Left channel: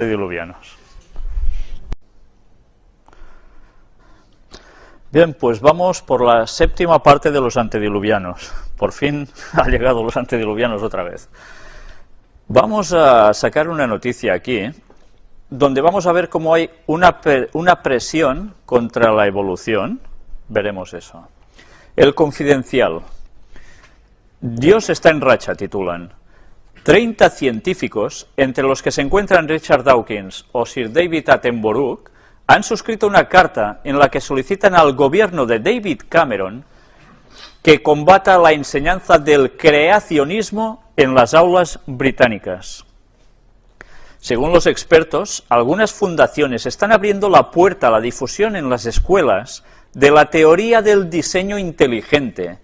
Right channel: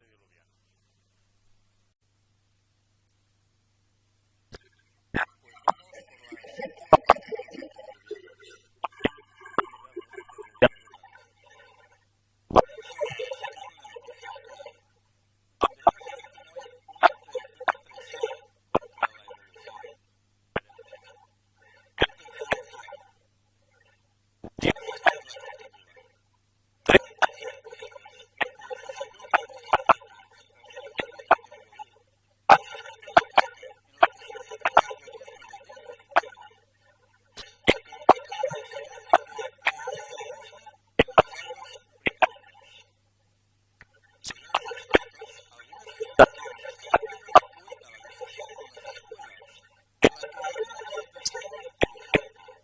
antediluvianos. Bien, pues vamos por la séptima parte de los antediluvianos. Por fin han llegado los antediluvianos otra vez. Vamos a sacar una noticia aquí, donde vamos a ver cómo hay una presión contra la evolución. Veremos eso. El Confidencial. Dios está en racha, titulan. 30 científicos, entre los que se encuentran Richard Dawkins o Sir David Attenborough, han suscrito una carta en la que solicitan al gobierno de David Cameron que combata la enseñanza del creacionismo en las aulas británicas. Según los expertos, algunas fundaciones están abriendo la puerta a la difusión en las escuelas de la teoría del diseño inteligente,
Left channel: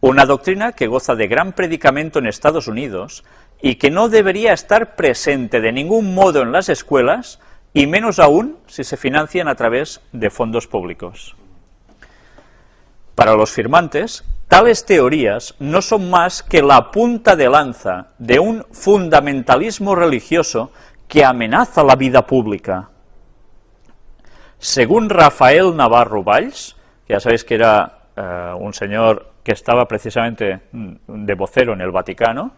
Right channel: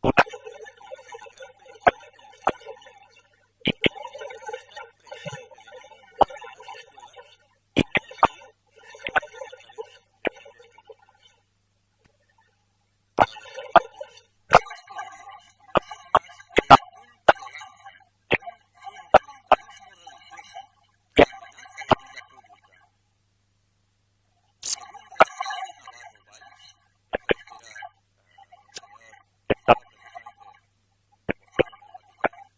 una doctrina que goza de gran predicamento en Estados Unidos y que no debería estar presente de ningún modo en las escuelas, y menos aún si se financian a través de fondos públicos. Para los firmantes, tales teorías no son más que la punta de lanza de un fundamentalismo religioso que amenaza la vida pública. Según Rafael Navarro Valls, que ya sabéis que era un señor que estaba precisamente de vocero en el Vaticano,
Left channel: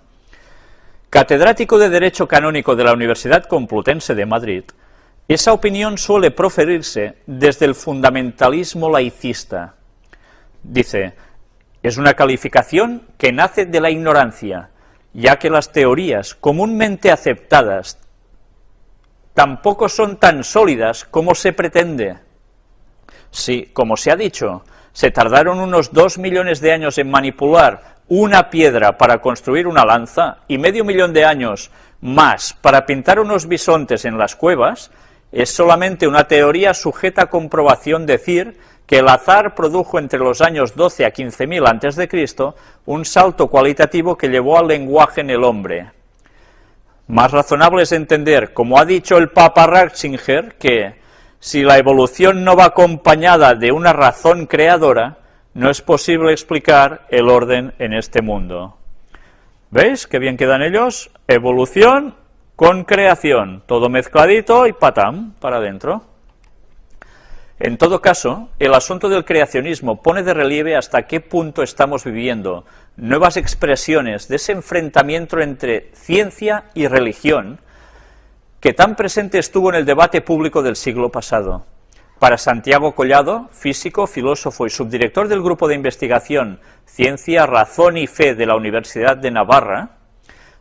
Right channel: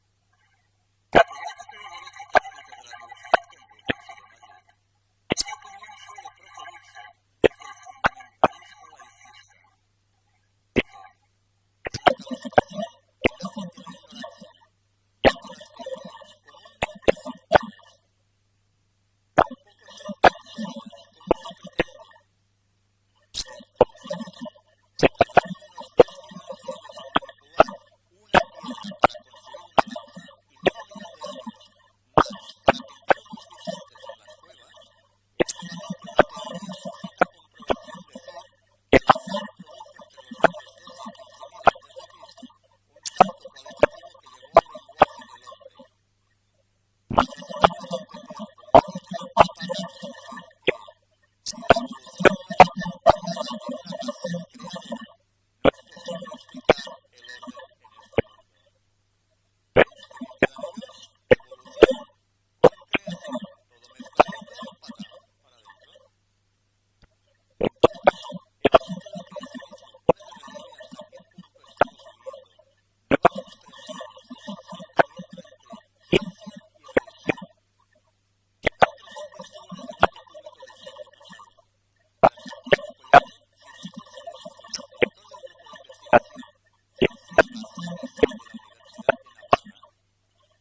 catedrático de Derecho Canónico de la Universidad Complutense de Madrid, esa opinión suele proferirse desde el fundamentalismo laicista. Dice, es una calificación que nace de la ignorancia, ya que las teorías comúnmente aceptadas tampoco son tan sólidas como se pretende. Sí, como se ha dicho, se tardaron unos 2 millones de años en manipular una piedra para construir una lanza y medio millón de años más para pintar unos bisontes en las cuevas. Es solamente una teoría sujeta a comprobación decir que el azar produjo entre los años 12 a 15.000 a.C. un salto cualitativo que llevó al lenguaje en el hombre. Más razonable es entender, como ha dicho el Papa Ratzinger, que si la evolución no va acompañada de una razón creadora, no es posible explicar el orden en este mundo. ¿Veis qué bien quedan ellos? Evolución con creación, todo mezcladito y patam, para adentro. En todo caso, el asunto del creacionismo pone de relieve hasta qué punto estamos viviendo nuevas expresiones de ese enfrentamiento entre ciencia y religión que tan presente estuvo en el debate público del siglo pasado. Para Santiago Collado, físico, filósofo y subdirector del Grupo de Investigación Ciencia, Razón y Fe de la Universidad de Navarra,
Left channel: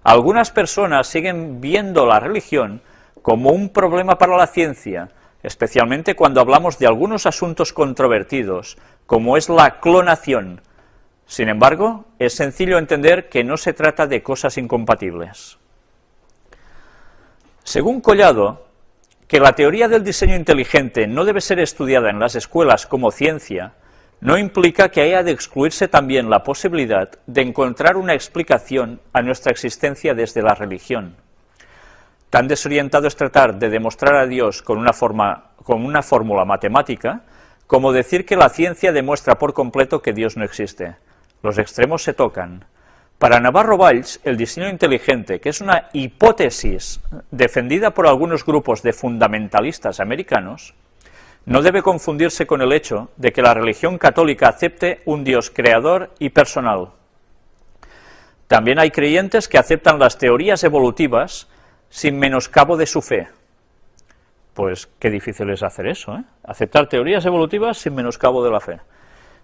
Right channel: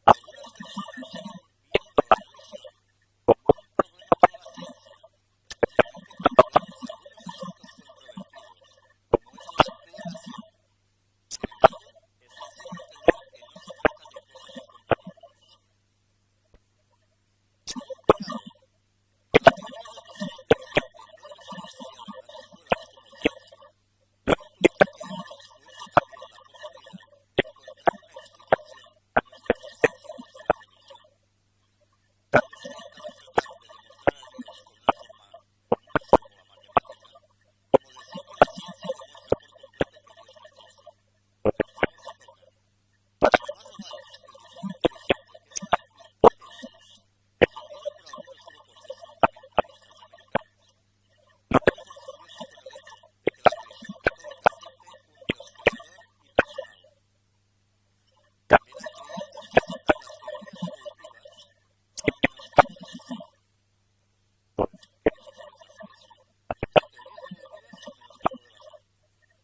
algunas personas siguen viendo la religión como un problema para la ciencia, especialmente cuando hablamos de algunos asuntos controvertidos, como es la clonación. Sin embargo, es sencillo entender que no se trata de cosas incompatibles. Según Collado, que la teoría del diseño inteligente no debe ser estudiada en las escuelas como ciencia, no implica que haya de excluirse también la posibilidad de encontrar una explicación a nuestra existencia desde la religión. Tan desorientado es tratar de demostrar a Dios con una fórmula matemática, como decir que la ciencia demuestra por completo que Dios no existe. Los extremos se tocan. Para Navarro Valls, el diseño inteligente, que es una hipótesis defendida por algunos grupos de fundamentalistas americanos, no debe confundirse con el hecho de que la religión católica acepte un Dios creador y personal. También hay creyentes que aceptan las teorías evolutivas sin menoscabo de su fe. Pues qué difícil es hacer eso, ¿eh? Aceptar teorías evolutivas sin menoscabo de la fe.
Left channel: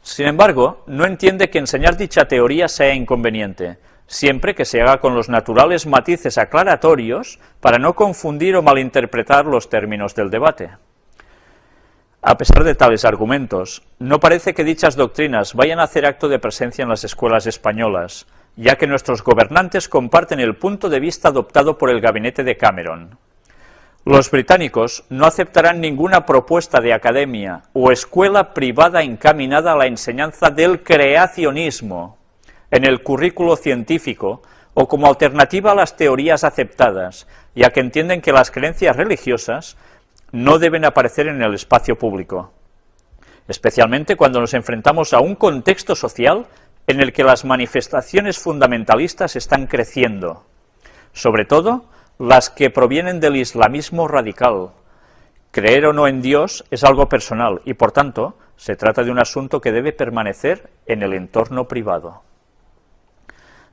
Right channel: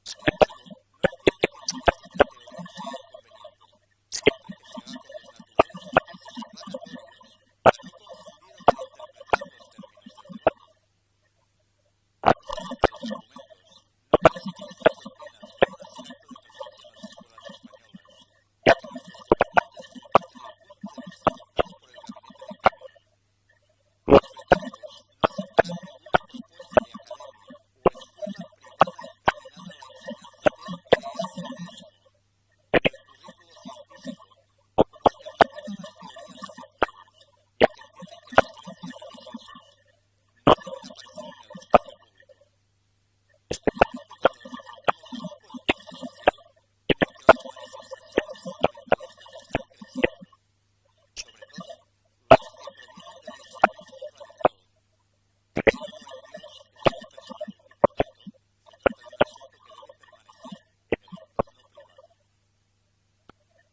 Sin embargo, no entiende que enseñar dicha teoría sea inconveniente, siempre que se haga con los naturales matices aclaratorios para no confundir o malinterpretar los términos del debate. A pesar de tales argumentos, no parece que dichas doctrinas vayan a hacer acto de presencia en las escuelas españolas, ya que nuestros gobernantes comparten el punto de vista adoptado por el gabinete de Cameron. Los británicos no aceptarán ninguna propuesta de academia o escuela privada encaminada a la enseñanza del creacionismo en el currículo científico o como alternativa a las teorías aceptadas, ya que entienden que las creencias religiosas no deben aparecer en el espacio público, especialmente cuando nos enfrentamos a un contexto social en el que las manifestaciones fundamentalistas están creciendo, sobre todo las que provienen del islamismo radical. Creer o no en Dios es algo personal y, por tanto, se trata de un asunto que debe permanecer en el entorno privado.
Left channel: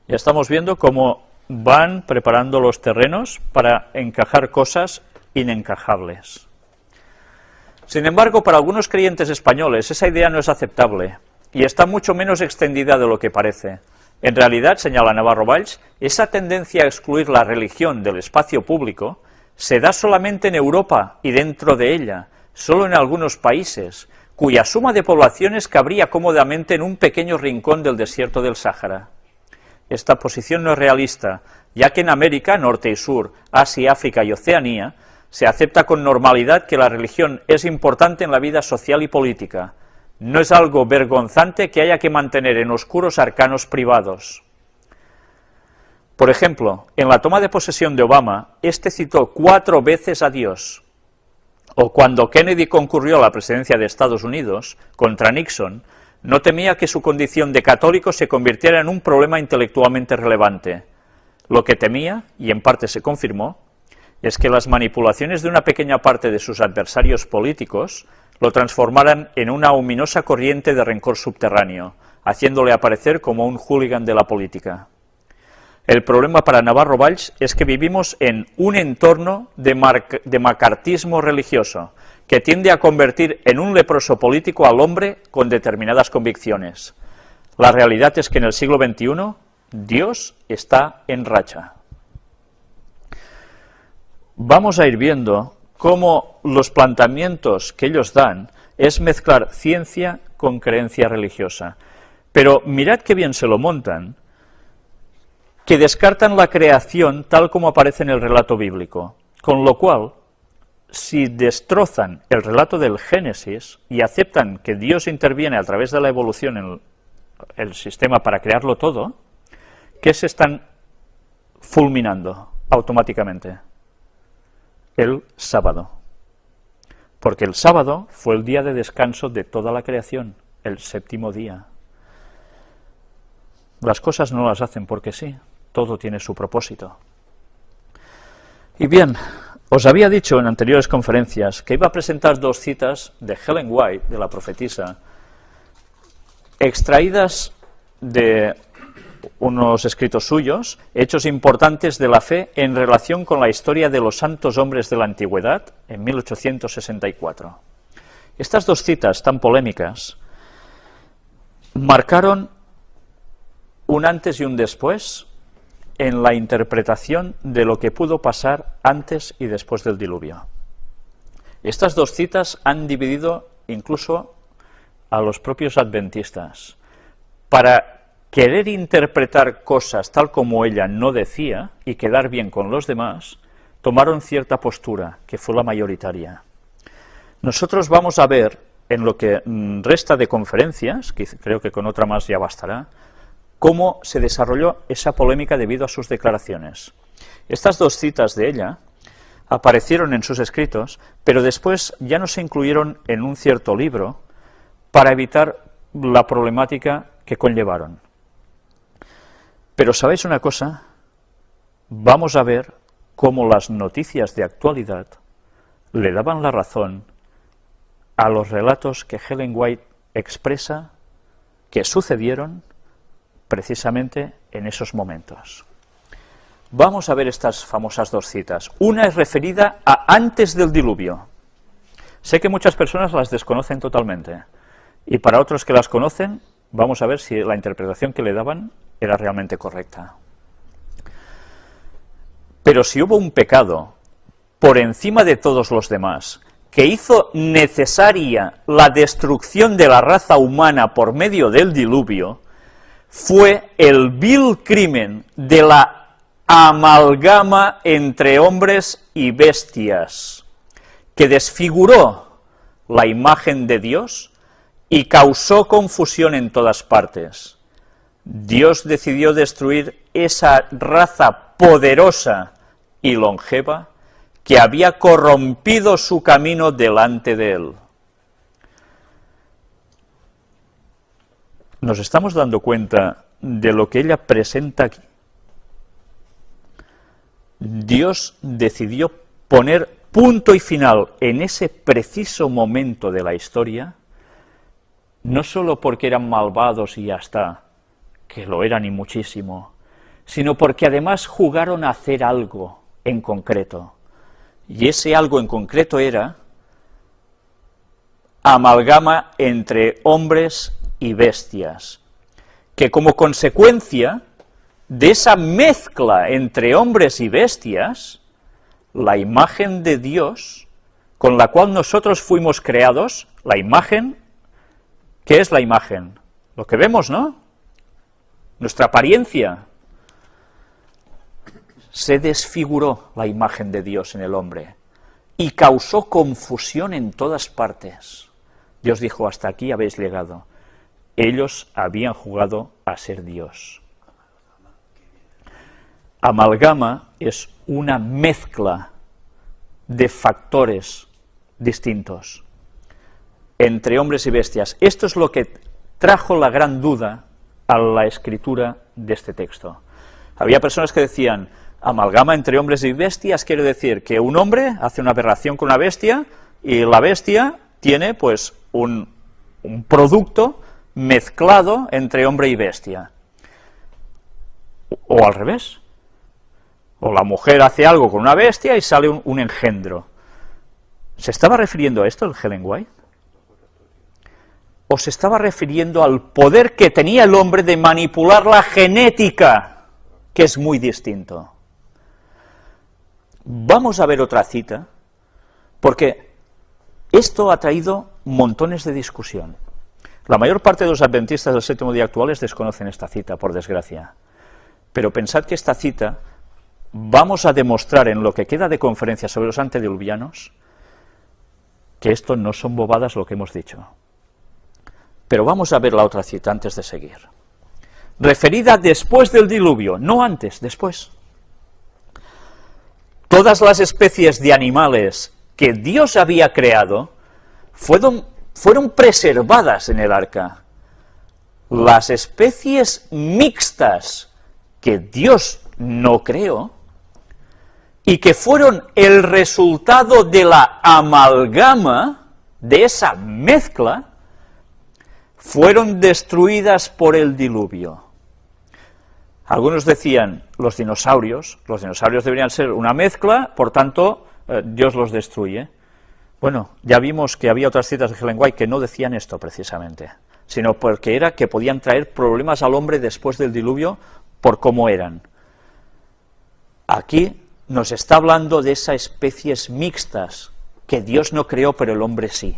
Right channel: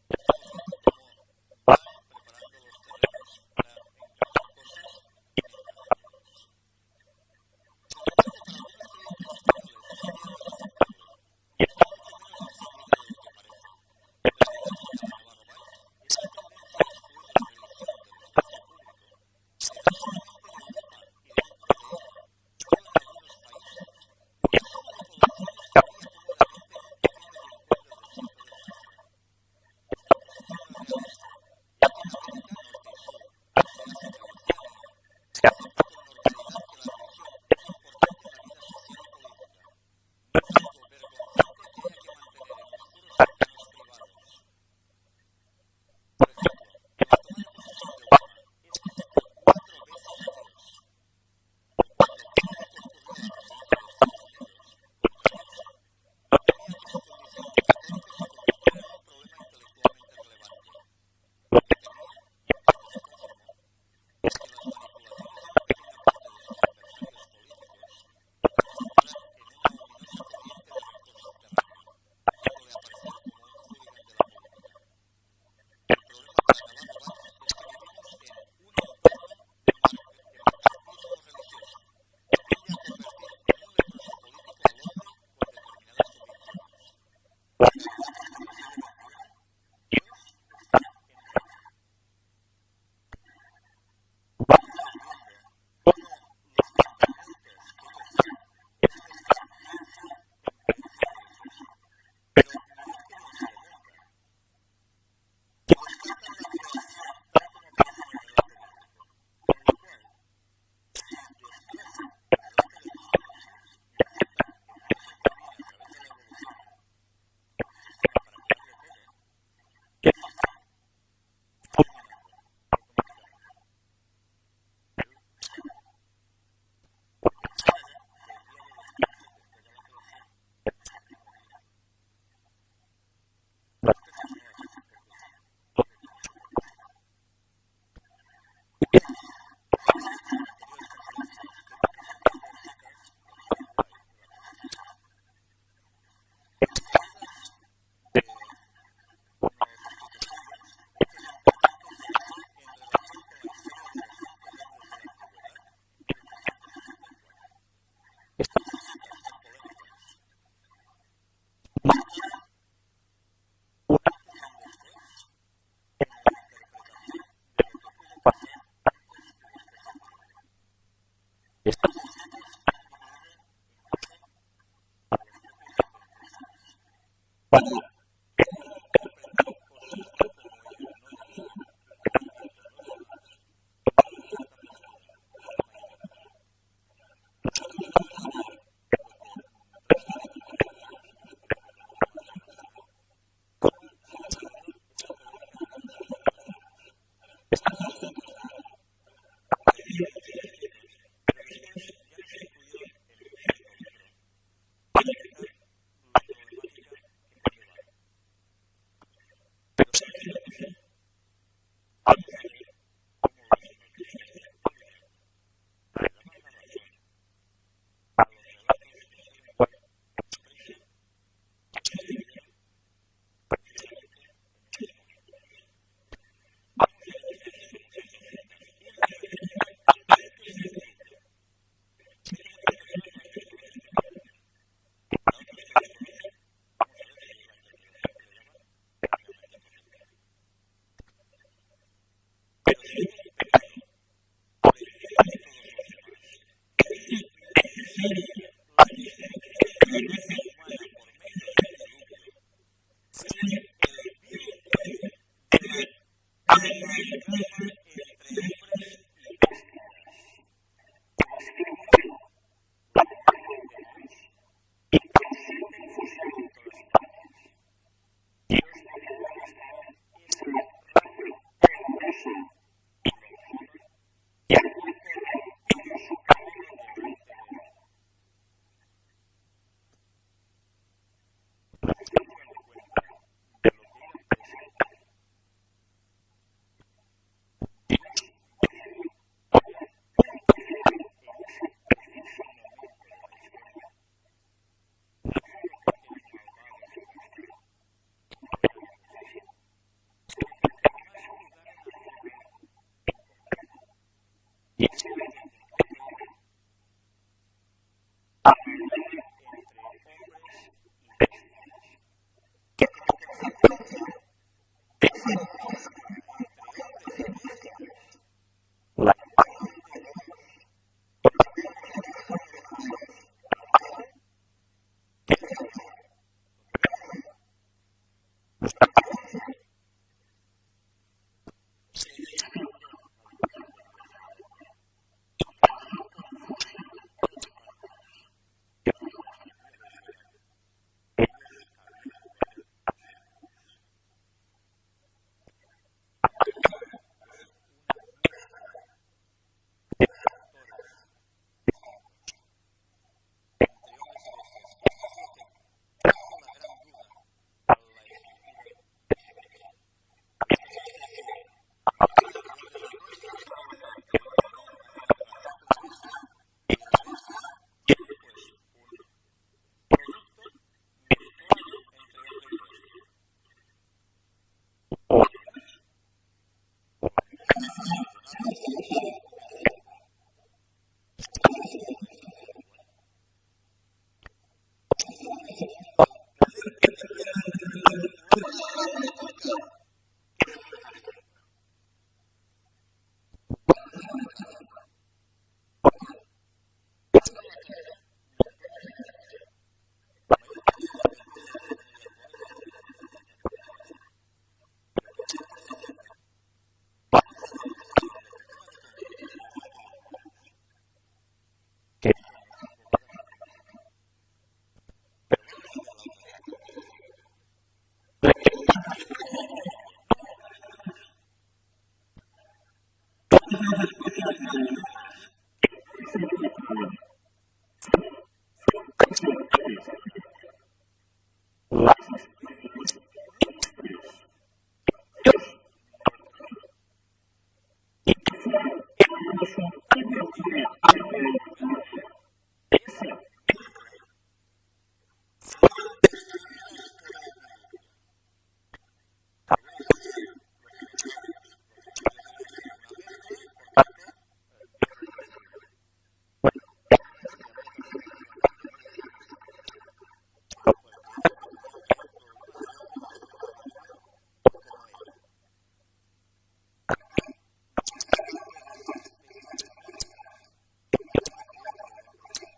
Ya estamos viendo cómo van preparando los terrenos para encajar cosas inencajables. Sin embargo, para algunos creyentes españoles esa idea no es aceptable y está mucho menos extendida de lo que parece. En realidad, señala Navarro Valls, esa tendencia a excluir la religión del espacio público se da solamente en Europa y dentro de ella, solo en algunos países, cuya suma de poblaciones cabría cómodamente en un pequeño rincón del desierto del Sáhara. Esta posición no es realista, ya que en América, Norte y Sur, Asia, África y Oceanía, se acepta con normalidad que la religión es importante en la vida social y política. No es algo vergonzante que haya que mantener en oscuros arcanos privados. Por ejemplo, en la toma de posesión de Obama, este citó 4 veces a Dios. O cuando Kennedy concurrió a la presidencia de Estados Unidos contra Nixon, no temía que su condición de católico se convirtiera en un problema intelectualmente relevante. Lo que temía, y en parte se confirmó, es que las manipulaciones de una pequeña parte de sus adversarios políticos lo transformaran en una ominosa corriente de rencor subterráneo, haciéndole aparecer como un hooligan de la política. El problema para Navarro Valls es que vivimos en un entorno de macartismo religioso, que tiende a convertir en un leproso político al hombre con determinadas convicciones. La realidad es que en el siglo XXI, Dios está en racha. Vamos a ir viendo cómo los planteamientos que ellos dan es mezclar ciencia con creencia religiosa. Pero mirad qué bien se lo montan, que descartan la creación tal como aparece en el relato bíblico, con lo cual, si destrozan el relato del Génesis y aceptan que Dios interviene a través de la evolución en el sistema para crearlo todo, ¿qué se están fulminando automáticamente? El sábado. Porque el sábado fue el día de descanso de toda la creación, el 7º día. Las cosas no las hacen porque sí, todo tiene su propósito. Y bien, os había dicho en anteriores conferencias que iba a presentar 2 citas de Ellen White, de la profetisa, extraídas de unos escritos suyos, hechos importantes de la fe en relación con la historia de los santos hombres de la antigüedad, en 1864. Estas 2 citas tan polémicas marcaron un antes y un después en la interpretación de lo que pudo pasar antes y después del diluvio. Estas 2 citas han dividido incluso a los propios adventistas. Para querer interpretar cosas tal como ella no decía y quedar bien con los demás, tomaron cierta postura, que fue la mayoritaria. Nosotros vamos a ver, en lo que resta de conferencias, que creo que con otra más ya bastará, cómo se desarrolló esa polémica debido a sus declaraciones. Estas 2 citas de ella aparecieron en sus escritos, pero después ya no se incluyeron en un cierto libro para evitar la problemática que conllevaron. Pero ¿sabéis una cosa? Vamos a ver cómo las noticias de actualidad le daban la razón a los relatos que Ellen White expresa que sucedieron precisamente en esos momentos. Vamos a ver estas famosas 2 citas. Una es referida a antes del diluvio. Sé que muchas personas las desconocen totalmente, y para otros que las conocen, vamos a ver si la interpretación que le daban era realmente correcta. Pero si hubo un pecado por encima de todos los demás, que hizo necesaria la destrucción de la raza humana por medio del diluvio, fue el vil crimen de la amalgama entre hombres y bestias, que desfiguró la imagen de Dios y causó confusión en todas partes. Dios decidió destruir esa raza poderosa y longeva que había corrompido su camino delante de él. ¿Nos estamos dando cuenta de lo que ella presenta aquí? Dios decidió poner punto y final en ese preciso momento de la historia, no solo porque eran malvados y ya está, que lo eran y muchísimo, sino porque además jugaron a hacer algo en concreto. Y ese algo en concreto era amalgama entre hombres y bestias, que como consecuencia de esa mezcla entre hombres y bestias, la imagen de Dios, con la cual nosotros fuimos creados, la imagen, ¿qué es la imagen? Lo que vemos, ¿no? Nuestra apariencia. Se desfiguró la imagen de Dios en el hombre y causó confusión en todas partes. Dios dijo, hasta aquí habéis llegado. Ellos habían jugado a ser Dios. Amalgama es una mezcla de factores distintos entre hombres y bestias. Esto es lo que trajo la gran duda a la escritura de este texto. Había personas que decían, amalgama entre hombres y bestias quiere decir que un hombre hace una aberración con una bestia y la bestia tiene pues un producto mezclado entre hombre y bestia. O al revés. O la mujer hace algo con una bestia y sale un engendro. ¿Se estaba refiriendo a esto el Ellen White? ¿O se estaba refiriendo al poder que tenía el hombre de manipular la genética, que es muy distinto? Vamos a ver otra cita, porque esto ha traído montones de discusión. La mayor parte de los adventistas del séptimo día actuales desconocen esta cita, por desgracia. Pero pensad que esta cita vamos a demostrar en lo que queda de conferencia sobre los antediluvianos que esto no son bobadas lo que hemos dicho. Pero vamos a ver la otra cita antes de seguir. Referida después del diluvio, no antes, después. Todas las especies de animales que Dios había creado fueron preservadas en el arca. Las especies mixtas que Dios no creó y que fueron el resultado de la amalgama, de esa mezcla, fueron destruidas por el diluvio. Algunos decían, los dinosaurios deberían ser una mezcla, por tanto, Dios los destruye. Bueno, ya vimos que había otras citas de Ellen White que no decían esto precisamente, sino porque era que podían traer problemas al hombre después del diluvio por cómo eran. Aquí nos está hablando de esas especies mixtas que Dios no creó, pero el hombre sí.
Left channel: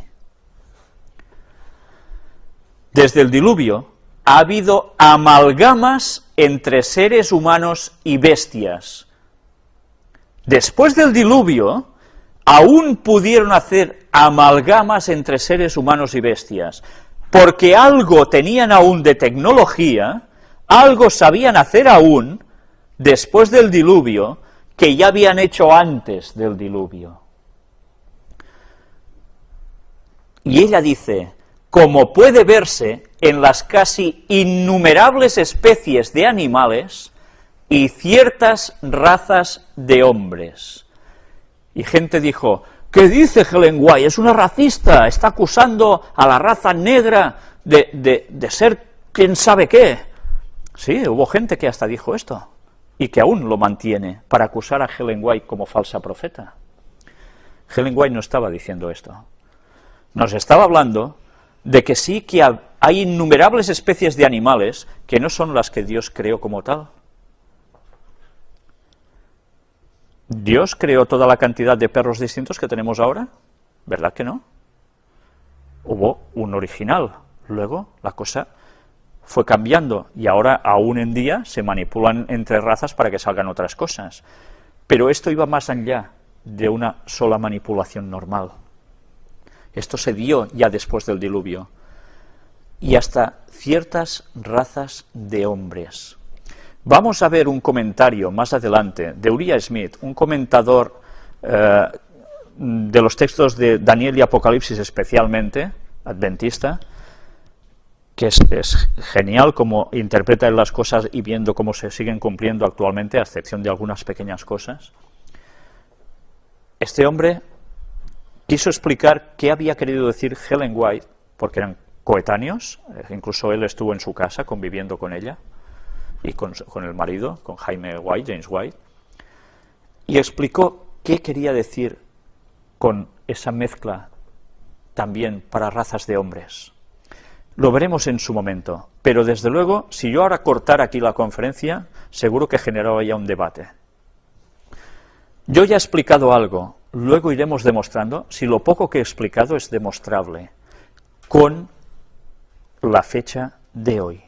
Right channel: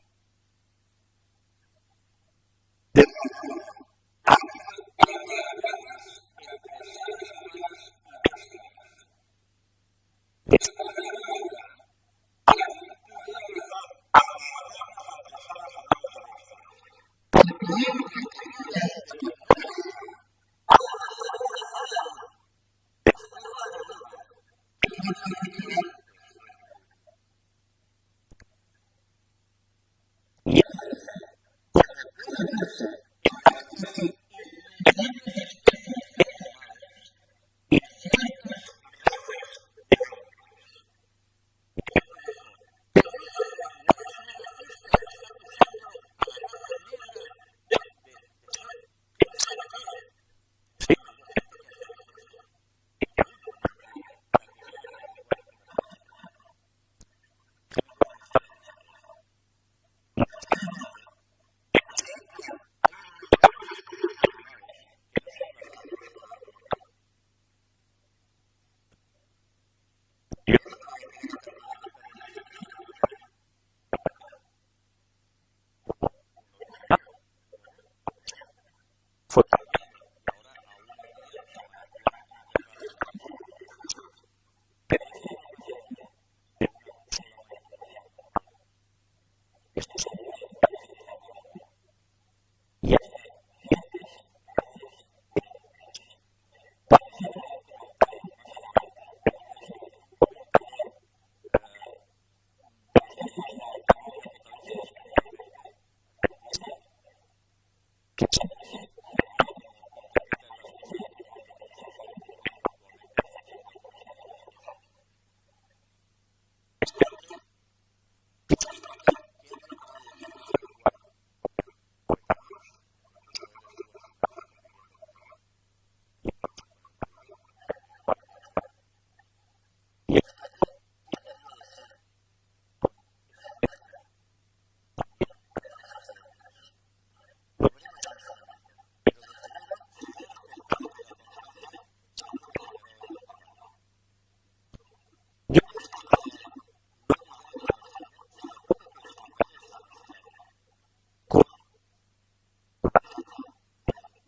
Desde el diluvio ha habido amalgamas entre seres humanos y bestias. Después del diluvio, aún pudieron hacer amalgamas entre seres humanos y bestias, porque algo tenían aún de tecnología, algo sabían hacer aún, después del diluvio, que ya habían hecho antes del diluvio. Y ella dice, como puede verse en las casi innumerables especies de animales y ciertas razas de hombres. Y gente dijo, ¿qué dice Ellen White? Es una racista, está acusando a la raza negra de ser quién sabe qué. Sí, hubo gente que hasta dijo esto, y que aún lo mantiene, para acusar a Ellen White como falsa profeta. Ellen White no estaba diciendo esto. Nos estaba hablando de que sí que hay innumerables especies de animales que no son las que Dios creó como tal. ¿Dios creó toda la cantidad de perros distintos que tenemos ahora? ¿Verdad que no? Hubo un original, luego la cosa fue cambiando y ahora aún en día se manipulan entre razas para que salgan otras cosas. Pero esto iba más allá de una sola manipulación normal. Esto se dio ya después del diluvio. Y hasta ciertas razas de hombres. Vamos a ver un comentario más adelante de Uriah Smith, un comentador de los textos de Daniel y Apocalipsis especialmente, adventista, que es genial como interpreta él las cosas y viendo cómo se siguen cumpliendo actualmente, a excepción de algunas pequeñas cosas. Este hombre quiso explicar qué había querido decir Ellen White, porque eran coetáneos, incluso él estuvo en su casa conviviendo con ella y con el marido, con James White, y explicó qué quería decir con esa mezcla también para razas de hombres. Lo veremos en su momento, pero desde luego, si yo ahora cortara aquí la conferencia, seguro que generaba ya un debate. Yo ya he explicado algo, luego iremos demostrando si lo poco que he explicado es demostrable con la fecha de hoy.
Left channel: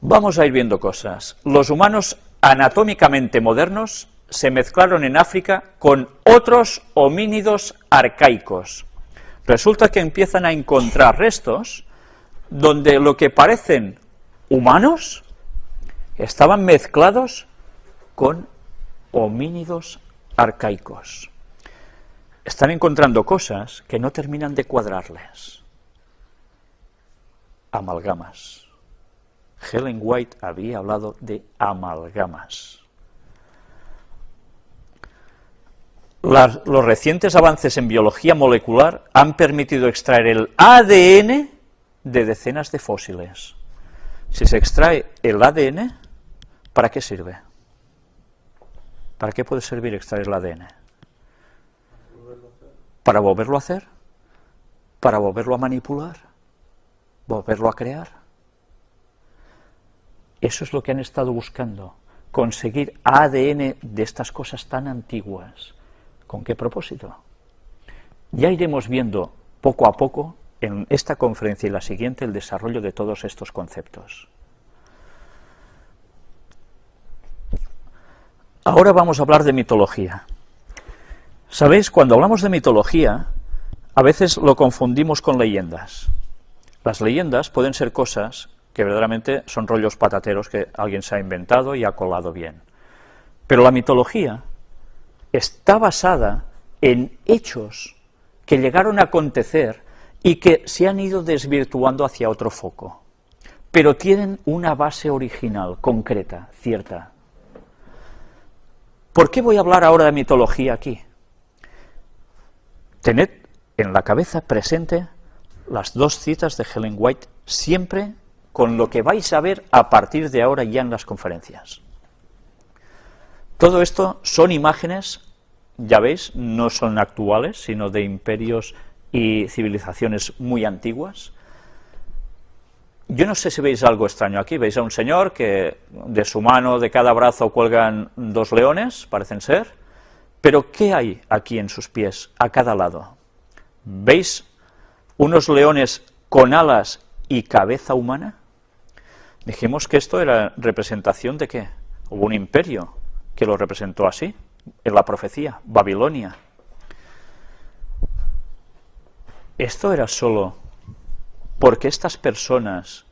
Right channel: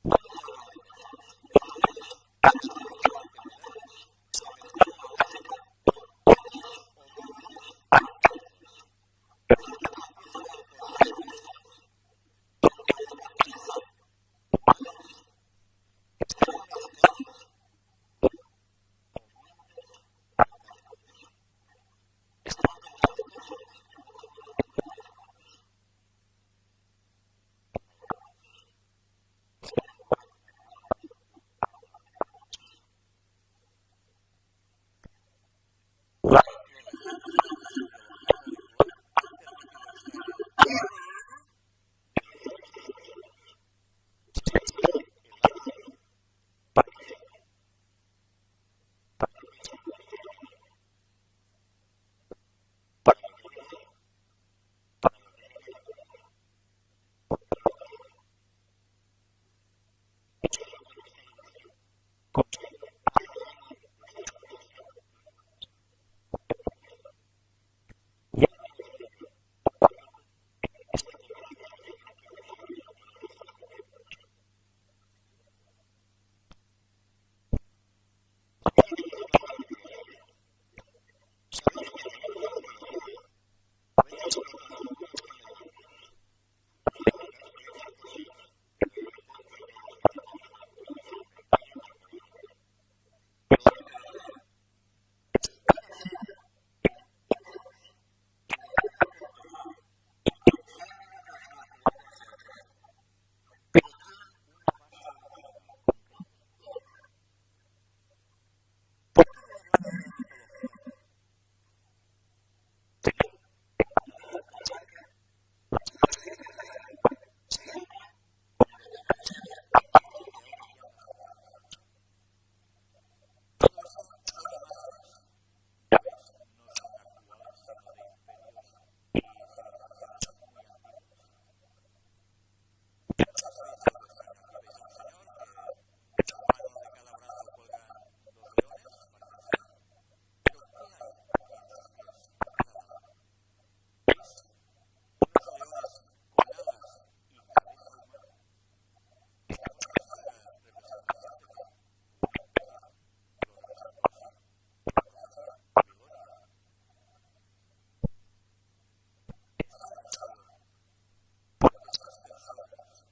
Vamos a ir viendo cosas. Los humanos anatómicamente modernos se mezclaron en África con otros homínidos arcaicos. Resulta que empiezan a encontrar restos donde lo que parecen humanos estaban mezclados con homínidos arcaicos. Están encontrando cosas que no terminan de cuadrarles. Amalgamas. Ellen White había hablado de amalgamas. Los recientes avances en biología molecular han permitido extraer el ADN de decenas de fósiles. Si se extrae el ADN, ¿para qué sirve? ¿Para qué puede servir extraer el ADN? ¿Para volverlo a hacer? ¿Para volverlo a manipular? ¿Volverlo a crear? Eso es lo que han estado buscando, conseguir ADN de estas cosas tan antiguas. ¿Con qué propósito? Ya iremos viendo poco a poco en esta conferencia y la siguiente el desarrollo de todos estos conceptos. Ahora vamos a hablar de mitología. ¿Sabéis? Cuando hablamos de mitología, a veces lo confundimos con leyendas. Las leyendas pueden ser cosas que verdaderamente son rollos patateros que alguien se ha inventado y ha colado bien. Pero la mitología está basada en hechos que llegaron a acontecer y que se han ido desvirtuando hacia otro foco, pero tienen una base original, concreta, cierta. ¿Por qué voy a hablar ahora de mitología aquí? Tened en la cabeza presente las dos citas de Ellen White, siempre con lo que vais a ver a partir de ahora ya en las conferencias. Todo esto son imágenes, ya veis, no son actuales, sino de imperios y civilizaciones muy antiguas. Yo no sé si veis algo extraño aquí. Veis a un señor que de su mano, de cada brazo, cuelgan dos leones, parecen ser, pero ¿qué hay aquí en sus pies, a cada lado? ¿Veis unos leones con alas y cabeza humana? Dijimos que esto era representación de ¿qué? Hubo un imperio que lo representó así, en la profecía, Babilonia. Esto era solo porque estas personas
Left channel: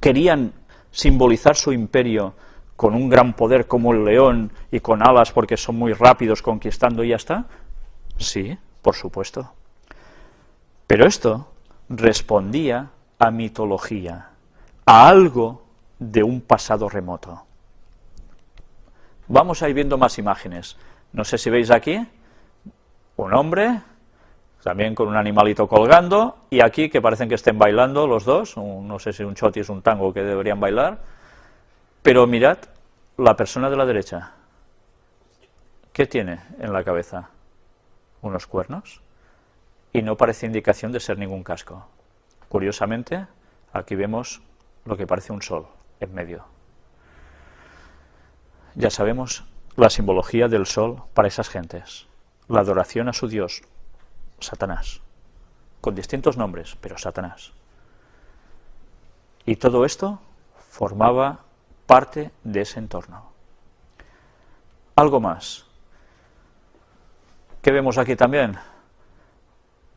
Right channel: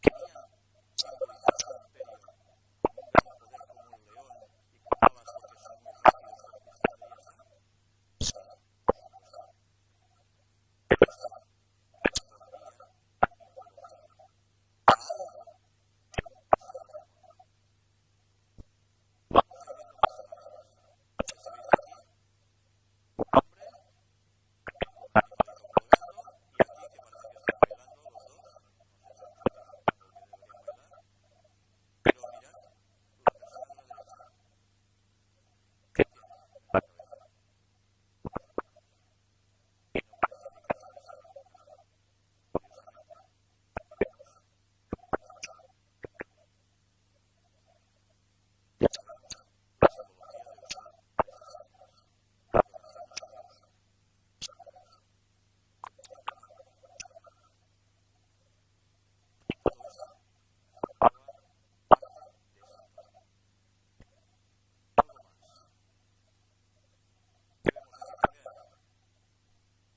querían simbolizar su imperio con un gran poder como el león y con alas porque son muy rápidos conquistando y ya está. Sí, por supuesto. Pero esto respondía a mitología, a algo de un pasado remoto. Vamos a ir viendo más imágenes. No sé si veis aquí un hombre, también con un animalito colgando, y aquí que parecen que estén bailando los dos, no sé si un choti es un tango que deberían bailar, pero mirad la persona de la derecha. ¿Qué tiene en la cabeza? Unos cuernos, y no parece indicación de ser ningún casco. Curiosamente, aquí vemos lo que parece un sol en medio. Ya sabemos la simbología del sol para esas gentes, la adoración a su dios, Satanás, con distintos nombres, pero Satanás. Y todo esto formaba parte de ese entorno. Algo más. ¿Qué vemos aquí también?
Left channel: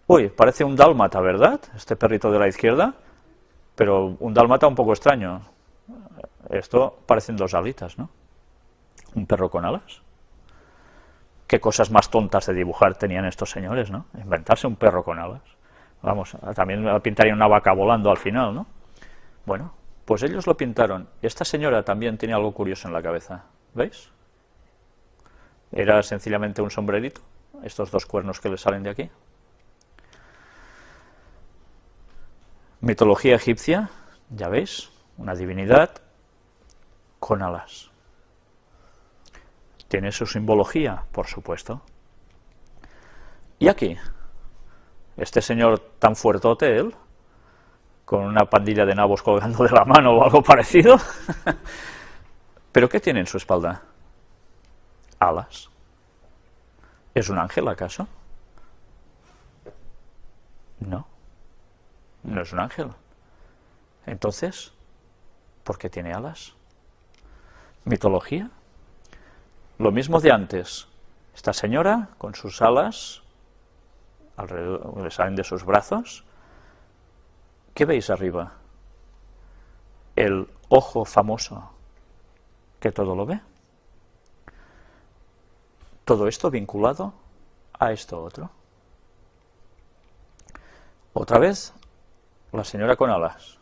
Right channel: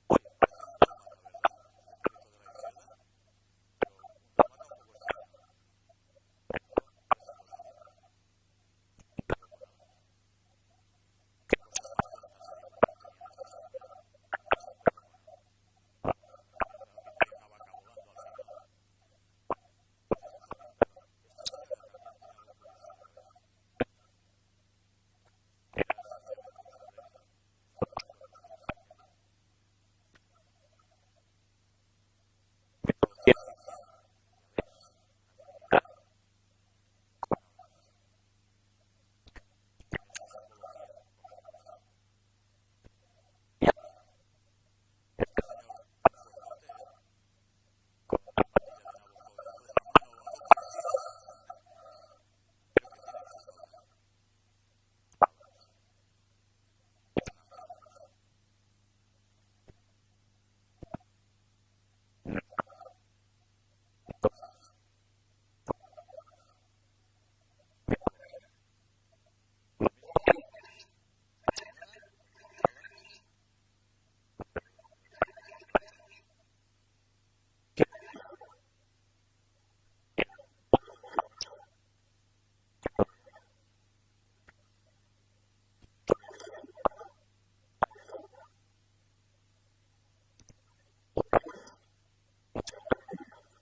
Uy, parece un dálmata, ¿verdad? Este perrito de la izquierda, pero un dálmata un poco extraño. Esto parecen dos alitas, ¿no? Un perro con alas. Qué cosas más tontas de dibujar tenían estos señores, ¿no? Inventarse un perro con alas. Vamos, también pintaría una vaca volando al final, ¿no? Bueno, pues ellos lo pintaron. Esta señora también tiene algo curioso en la cabeza, ¿veis? Era sencillamente un sombrerito, estos dos cuernos que le salen de aquí. Mitología egipcia, ya veis, una divinidad con alas. ¿Tiene su simbología? Por supuesto. Y aquí, este señor tan fuertote, él, con una pandilla de nabos colgando de la mano o algo parecido. ¿Pero qué tiene en su espalda? Alas. ¿Es un ángel acaso? No, no es un ángel. Entonces, ¿por qué tiene alas? ¿Mitología? Lo mismo de antes. Esta señora, con sus alas, alrededor, le salen de sus brazos. ¿Qué veis arriba? El ojo famoso, que todo lo ve. Todo esto vinculado a esto otro. Otra vez, la señora con alas.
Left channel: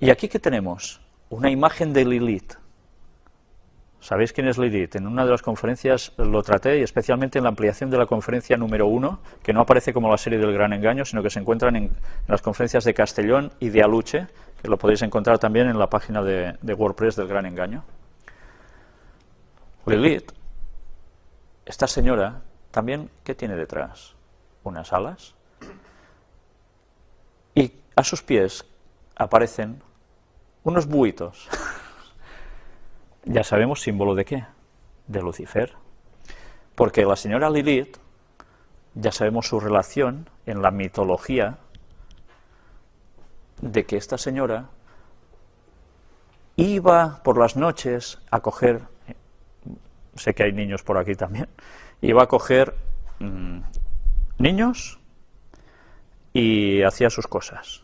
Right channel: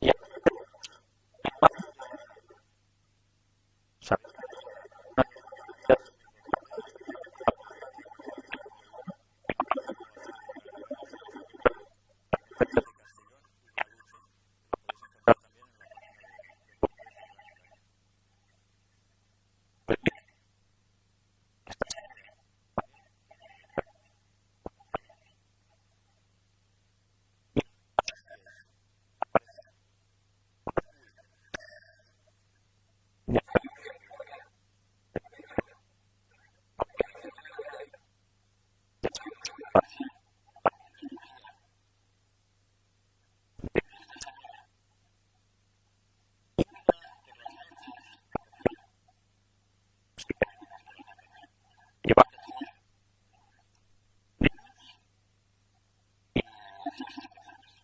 ¿Y aquí qué tenemos? Una imagen de Lilith. ¿Sabéis quién es Lilith? En una de las conferencias lo traté, y especialmente en la ampliación de la conferencia número 1, que no aparece como la serie del Gran Engaño, sino que se encuentran en las conferencias de Castellón y de Aluche, que lo podéis encontrar también en la página de WordPress del Gran Engaño. Lilith, esta señora, también, ¿qué tiene detrás? Unas alas. Y a sus pies aparecen unos buitos. Ya sabemos símbolo de qué, de Lucifer, porque la señora Lilith, ya sabemos su relación en la mitología, de que esta señora iba por las noches a coger, sé que hay niños por aquí también, iba a coger niños y hacía sus cosas.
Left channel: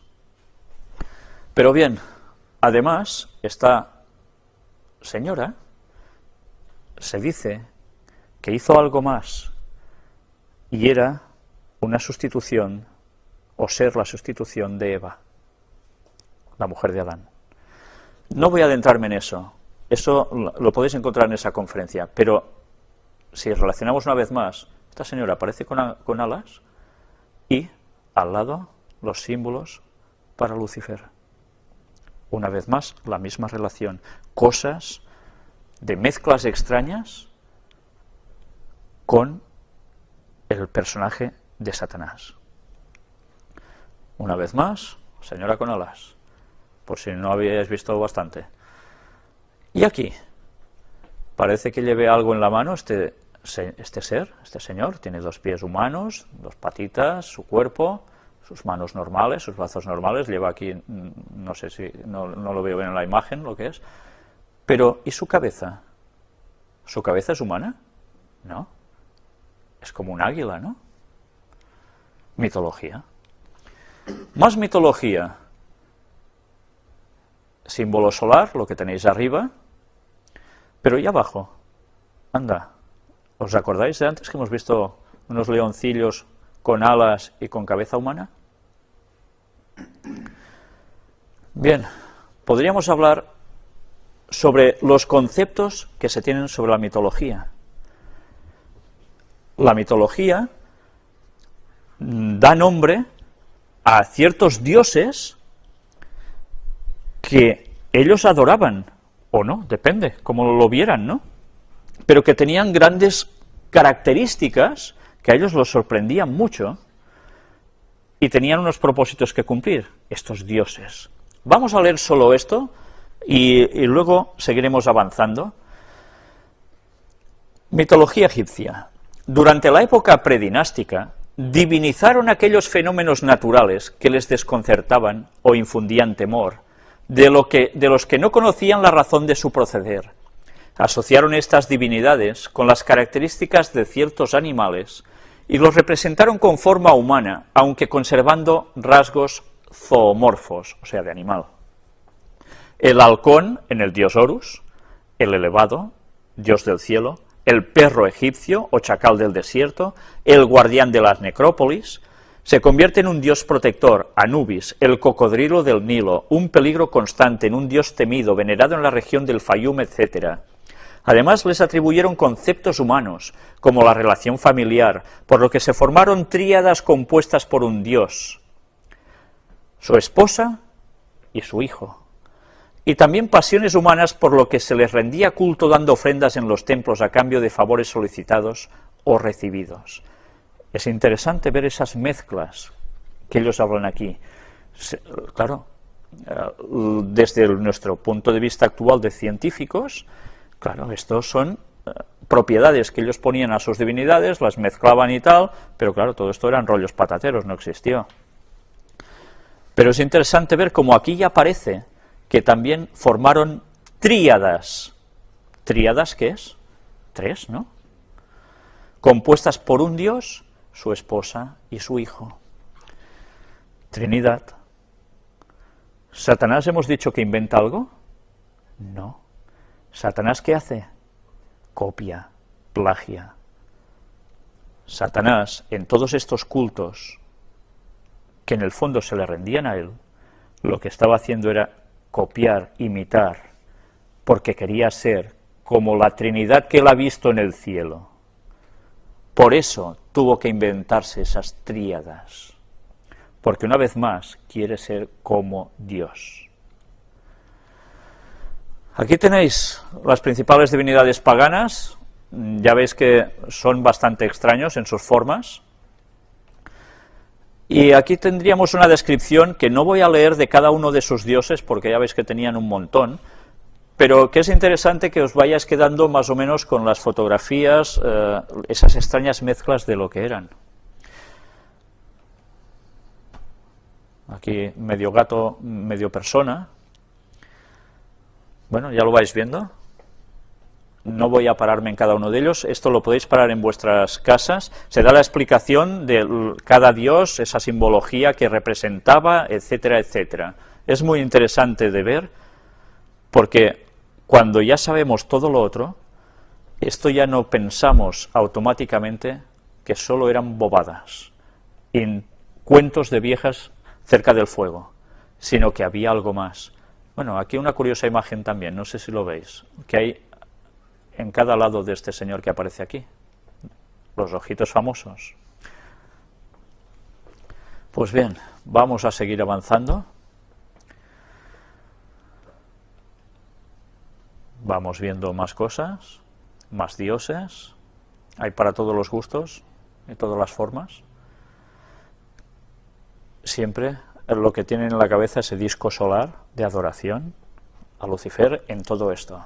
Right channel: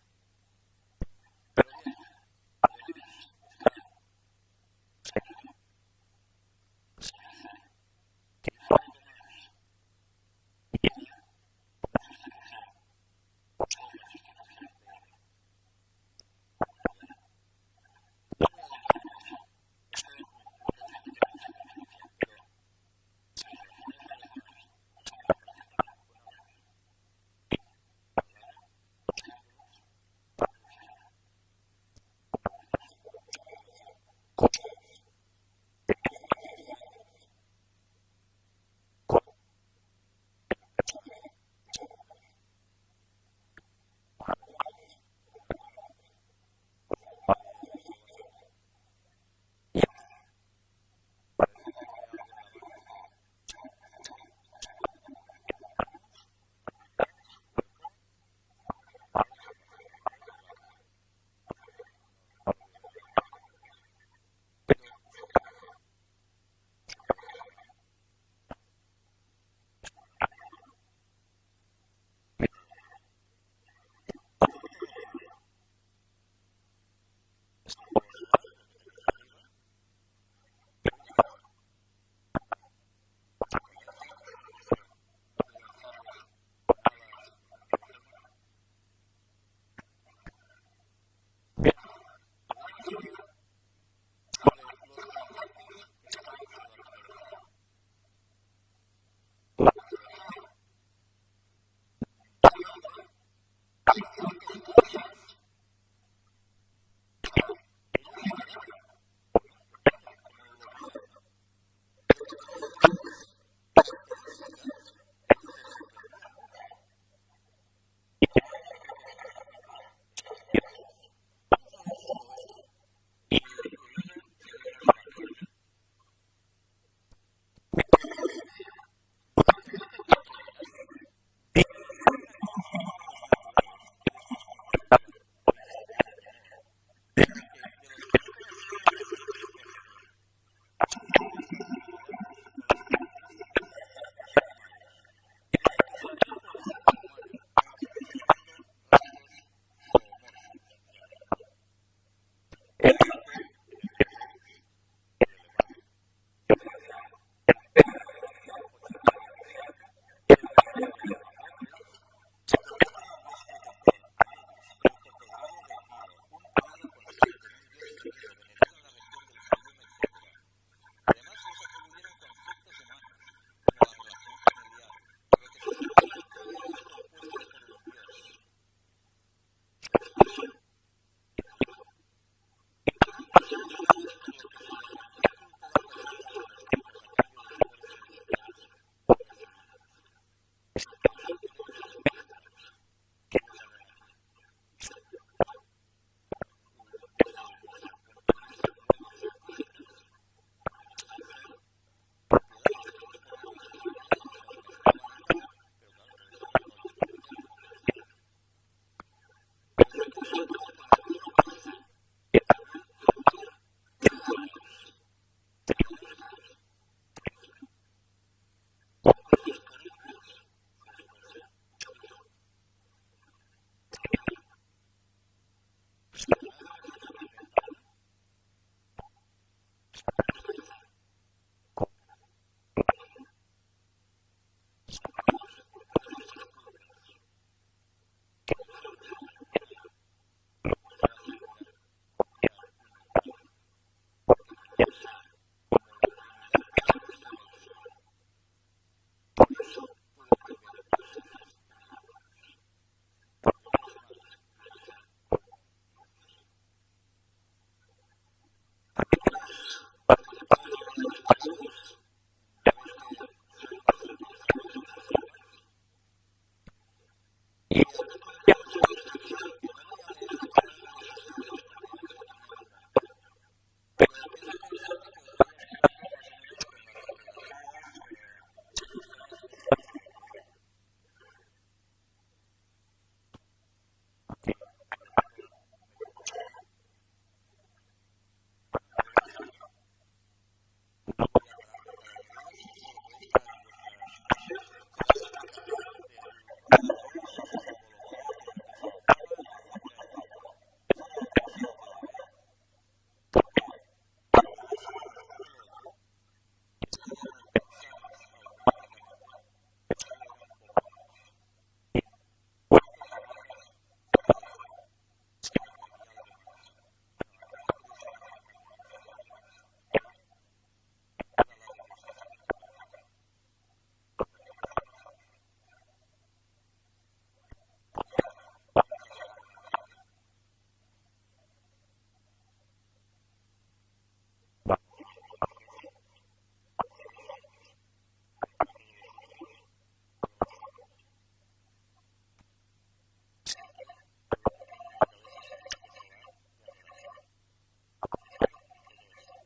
Pero bien, además, esta señora se dice que hizo algo más y era una sustitución o ser la sustitución de Eva, la mujer de Adán. No voy a adentrarme en eso lo podéis encontrar en esa conferencia, pero si relacionamos una vez más, esta señora aparece con alas y al lado los símbolos para Lucifer. Una vez más, la misma relación. Cosas de mezclas extrañas con el personaje de Satanás. Una vez más, señora con alas, por si no habíais visto bastante. Y aquí, parece que lleve algo en la mano este señor, tiene dos pies humanos, dos patitas, su cuerpo, sus manos normales, sus brazos normales, lleva aquí, no sé si, no lo veo bien en la imagen lo que es, pero ¿y su cabeza? ¿Su cabeza es humana? No, es como un águila, ¿no? Mitología. Más mitología. Símbolo solar, lo que tenéis arriba, pero ¿y abajo? Anda, ¿os acordáis de antes que hemos visto unos leoncillos con alas y con cabeza humana? Bien, podríamos hablar sobre los conceptos que se tienen sobre la mitología. La mitología da nombre a ciertos dioses que ellos adoraban, o no, depende, como lo vieran, ¿no? Pero que tenían grandes características que a ellos los sorprendían mucho y tenían unos propósitos que cumplir, estos dioses. Vamos a leer solo esto y luego seguiremos avanzando. Mitología egipcia. Durante la época predinástica, divinizaron aquellos fenómenos naturales que les desconcertaban o infundían temor, de los que no conocían la razón de su proceder. Asociaron estas divinidades con las características de ciertos animales y los representaron con forma humana, aunque conservando rasgos zoomorfos, o sea, de animal. El halcón en el dios Horus, el elevado, dios del cielo, el perro egipcio o chacal del desierto, el guardián de las necrópolis, Se convierte en un dios protector, Anubis, el cocodrilo del Nilo, un peligro constante, en un dios temido, venerado en la región del Fayum, etc. Además, les atribuyeron conceptos humanos, como la relación familiar, por lo que se formaron tríadas compuestas por un dios, su esposa y su hijo. Y también pasiones humanas, por lo que se les rendía culto dando ofrendas en los templos a cambio de favores solicitados o recibidos. Es interesante ver esas mezclas que ellos hablan aquí. Claro, desde nuestro punto de vista actual de científicos, claro, estos son propiedades que ellos ponían a sus divinidades, las mezclaban y tal, pero claro, todo esto eran rollos patateros, no existió. Pero es interesante ver cómo aquí ya aparece que también formaron tríadas. ¿Tríadas qué es? Tres, ¿no? Compuestas por un dios, su esposa y su hijo. Trinidad. ¿Satanás hemos dicho que inventa algo? No. ¿Satanás qué hace? Copia, plagia. Satanás, en todos estos cultos, que en el fondo se le rendían a él, lo que estaba haciendo era copiar, imitar, porque quería ser como la Trinidad que él ha visto en el cielo. Por eso tuvo que inventarse esas tríadas, porque una vez más quiere ser como Dios. Aquí tenéis las principales divinidades paganas, ya veis que son bastante extraños en sus formas, y aquí tendríamos una descripción que no voy a leer de cada uno de sus dioses, porque ya veis que tenían un montón, pero que es interesante que os vayáis quedando más o menos con las fotografías, esas extrañas mezclas de lo que eran. Aquí medio gato, medio persona. Bueno, ya lo vais viendo. No voy a pararme en cada uno de ellos, esto lo podéis parar en vuestras casas. Se da la explicación de cada dios, esa simbología que representaba, etcétera, etcétera. Es muy interesante de ver, porque cuando ya sabemos todo lo otro, esto ya no pensamos automáticamente que solo eran bobadas, en cuentos de viejas cerca del fuego, sino que había algo más. Bueno, aquí una curiosa imagen también, no sé si lo veis, que hay en cada lado de este señor que aparece aquí, los ojitos famosos. Pues bien, vamos a seguir avanzando. Vamos viendo más cosas, más dioses, hay para todos los gustos y todas las formas. Siempre lo que tienen en la cabeza ese disco solar de adoración a Lucifer en todo esto.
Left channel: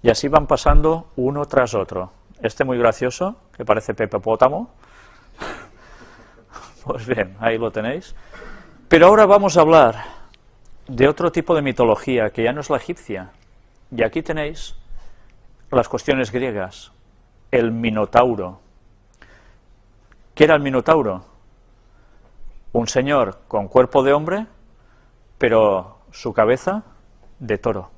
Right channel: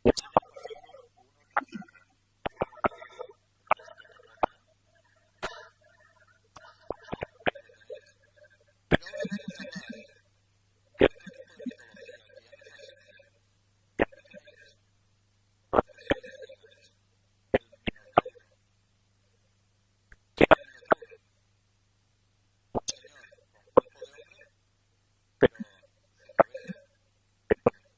Y así van pasando uno tras otro. Este muy gracioso, que parece Pepe Pótamo. Pues bien, ahí lo tenéis. Pero ahora vamos a hablar de otro tipo de mitología, que ya no es la egipcia. Y aquí tenéis las cuestiones griegas. El Minotauro. ¿Qué era el Minotauro? Un señor con cuerpo de hombre, pero su cabeza de toro.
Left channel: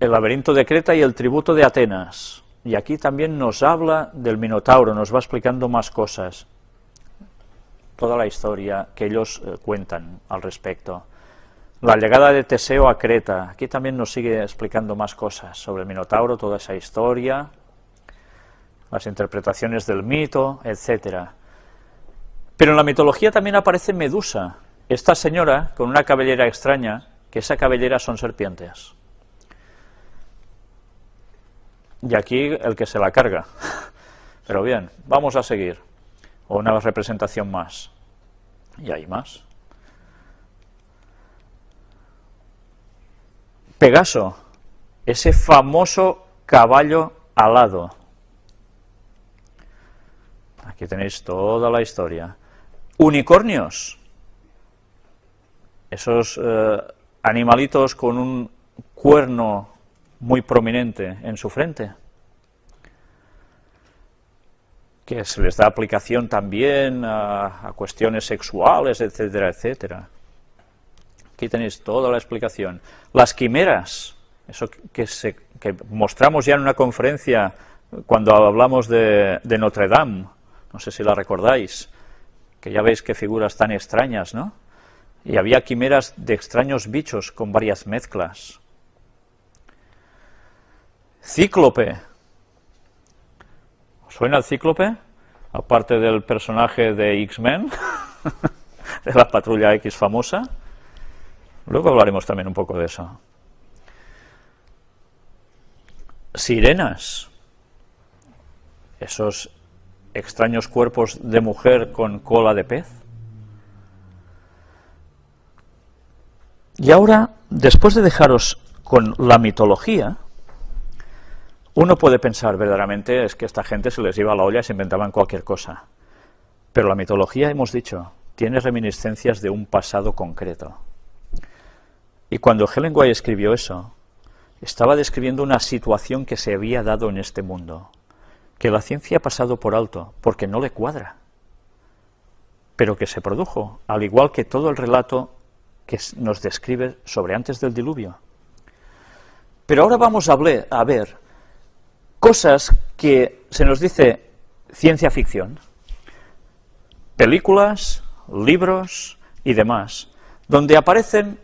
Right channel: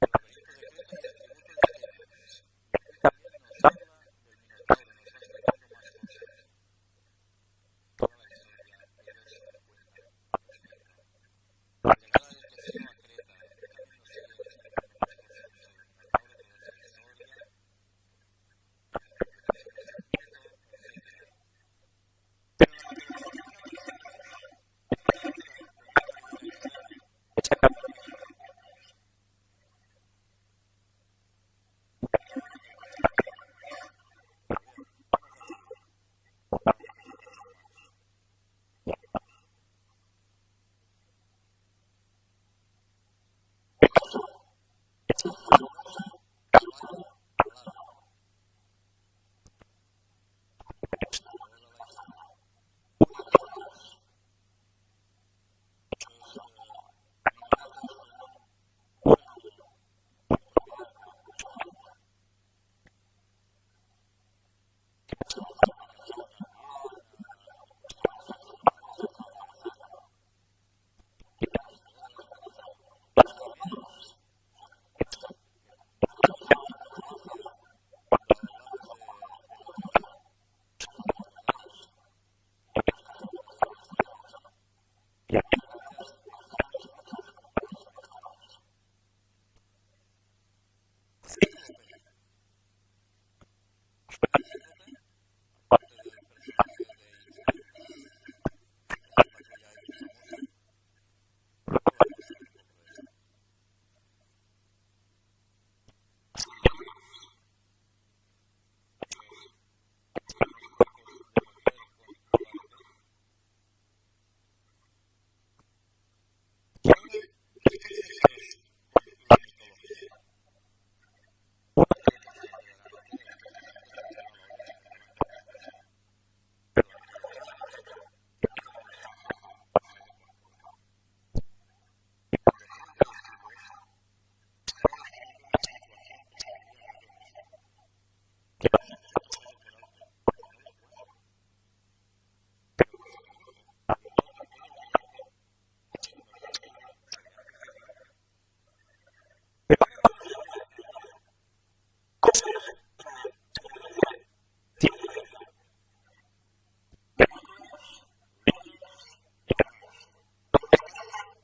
El laberinto de Creta y el tributo de Atenas. Y aquí también nos habla del Minotauro, nos va explicando más cosas. Toda la historia que ellos cuentan al respecto. La llegada de Teseo a Creta. Aquí también nos sigue explicando más cosas sobre el Minotauro, toda esa historia, las interpretaciones del mito, etc. Pero en la mitología también aparece Medusa, esta señora con una cabellera extraña, que esa cabellera son serpientes. Y aquí el que se la carga. Pero bien, vamos a seguir. O una representación más. Y hay más. Pegaso, ese famoso caballo alado. Aquí tenéis toda la historia. Unicornios. Esos animalitos con un cuerno muy prominente en su frente, que se les da aplicación también a cuestiones sexuales, etcétera, etcétera. Aquí tenéis toda la explicación. Las quimeras, eso que mostramos ya en una conferencia cuando hablamos de Notre Dame, no sé si la recordáis, que ya veis qué figuras tan extrañas, ¿no? Y había quimeras de extraños bichos con varias mezclas. Cíclope. ¿Os suena el Cíclope? Aparte del personaje de X-Men, de la Patrulla X famosa. Luego hablaremos también un poco de eso. Sirenas. Esos extraños cuerpos de mujer con cola de pez. Y ahora, después de dejaros con la mitología, uno puede pensar verdaderamente es que esta gente se les iba a la olla y se inventaban cualquier cosa. Pero la mitología, hemos dicho, tiene reminiscencias de un pasado concreto. Y cuando Helen White escribió eso, estaba describiendo una situación que se había dado en este mundo, que la ciencia ha pasado por alto, porque no le cuadra, pero que se produjo, al igual que todo el relato que nos describe sobre antes del diluvio. Pero ahora vamos a ver cosas que se nos dice ciencia ficción, películas, libros y demás, donde aparecen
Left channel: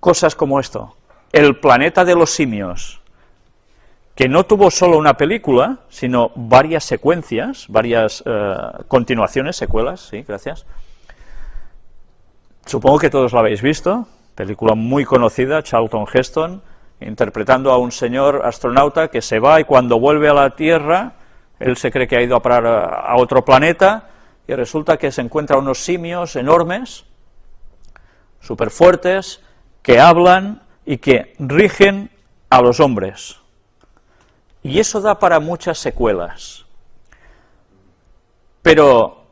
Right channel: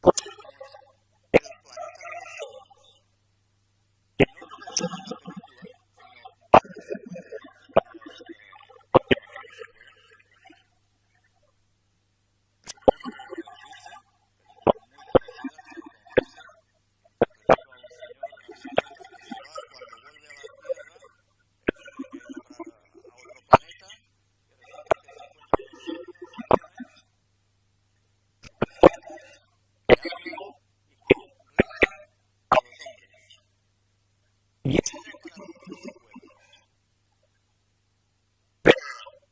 cosas como esto, El planeta de los simios, que no tuvo solo una película, sino varias secuencias, varias continuaciones, secuelas, sí, gracias. Supongo que todos lo habéis visto, película muy conocida, Charlton Heston, interpretando a un señor astronauta que se va y cuando vuelve a la Tierra, él se cree que ha ido a parar a otro planeta y resulta que se encuentra unos simios enormes, súper fuertes, que hablan y que rigen a los hombres. Y eso da para muchas secuelas. Pero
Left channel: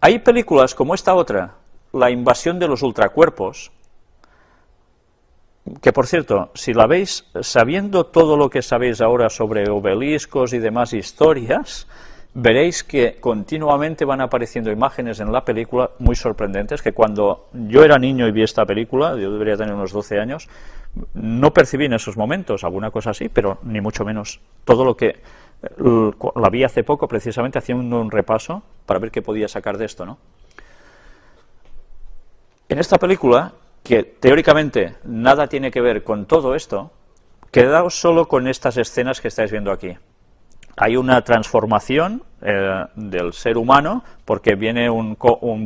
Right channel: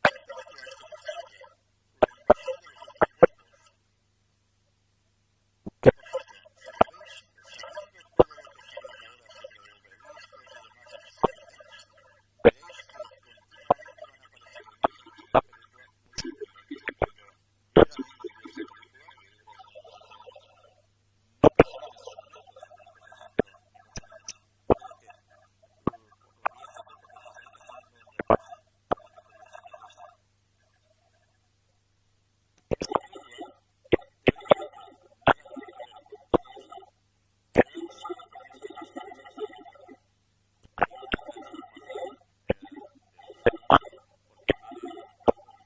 hay películas como esta otra, La invasión de los ultracuerpos, que por cierto, si la veis sabiendo todo lo que sabéis ahora sobre obeliscos y demás historias, veréis que continuamente van apareciendo imágenes en la película muy sorprendentes, que cuando yo era niño y vi esta película, yo debería tener unos 12 años, no percibí en esos momentos alguna cosa así, pero ni mucho menos. Todo lo que la vi hace poco, precisamente haciendo un repaso para ver qué podía sacar de esto, ¿no? En esta película, que teóricamente nada tiene que ver con todo esto, quedaos solo con estas escenas que estáis viendo aquí. Hay una transformación del ser humano, porque viene un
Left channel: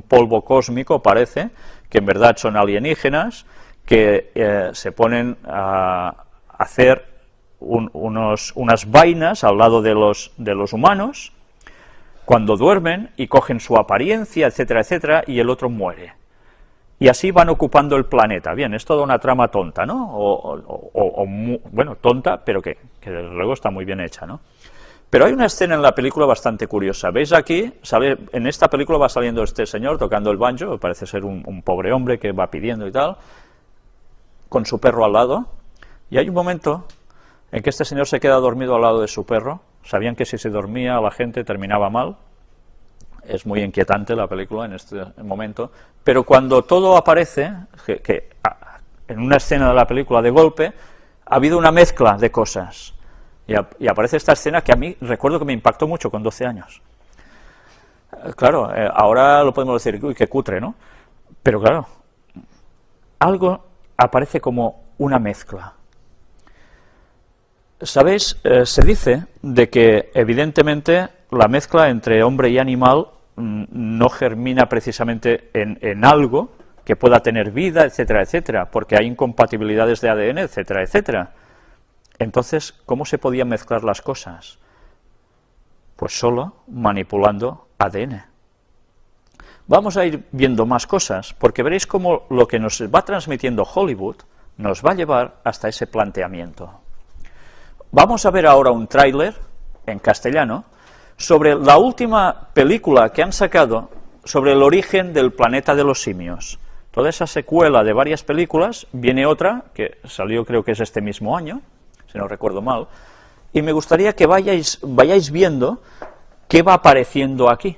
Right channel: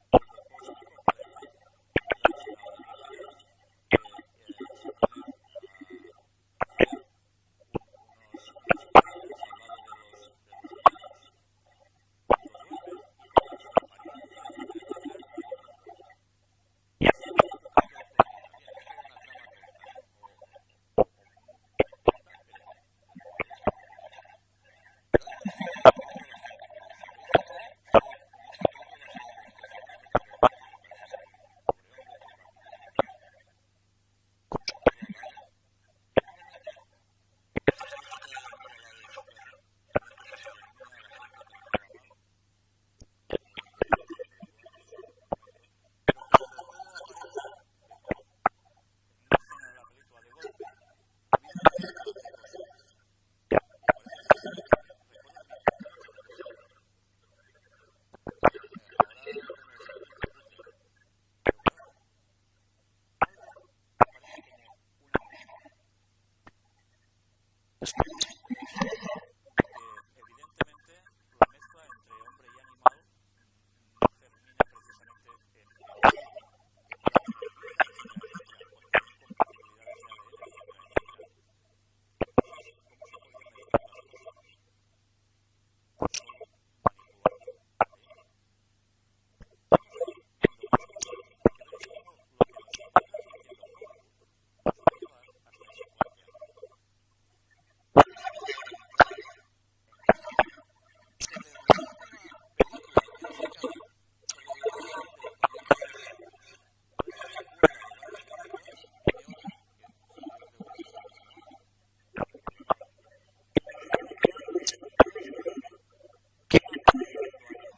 polvo cósmico, parece, que en verdad son alienígenas, que se ponen a hacer unas vainas al lado de los humanos, cuando duermen, y cogen su apariencia, etcétera, etcétera, y el otro muere. Y así van ocupando el planeta. Bien, es toda una trama tonta, ¿no? Bueno, tonta, pero que desde luego está muy bien hecha, ¿no? Pero hay una escena en la película bastante curiosa. ¿Veis aquí? En esta película va saliendo este señor tocando el banjo, parece ser un pobre hombre que va pidiendo y tal, con su perro al lado, y hay un momento en que este señor se queda dormido al lado de su perro. Sabían que si se dormía la gente terminaba mal. Es muy inquietante la película en este momento, pero cuando todo aparece, en una escena de la película de golpe, ha habido una mezcla de cosas, y aparece esta escena que a mí recuerdo que me impactó mucho con 12 años. Claro, ahora lo podemos decir, uy, qué cutre, ¿no? Pero claro, algo aparece como una mezcla. ¿Sabéis? Se dice de que evidentemente la mezcla entre hombre y animal no germina precisamente en algo que pueda tener vida, etcétera, etcétera, porque hay incompatibilidades de ADN, etcétera, etcétera. Entonces, ¿cómo se podían mezclar las cosas? Pues solo manipulando ADN. Vamos a ir viendo más cosas, porque veréis cómo lo que nos va transmitiendo Hollywood nos va a llevar hasta ese planteamiento. Vamos a ver ahora un tráiler en castellano sobre la última película que han sacado sobre el origen del planeta de los simios. Toda esa secuela de varias películas, viene otra, que salió creo que es este mismo año, si no recuerdo mal, y me gustaría que vayáis viendo qué va apareciendo aquí.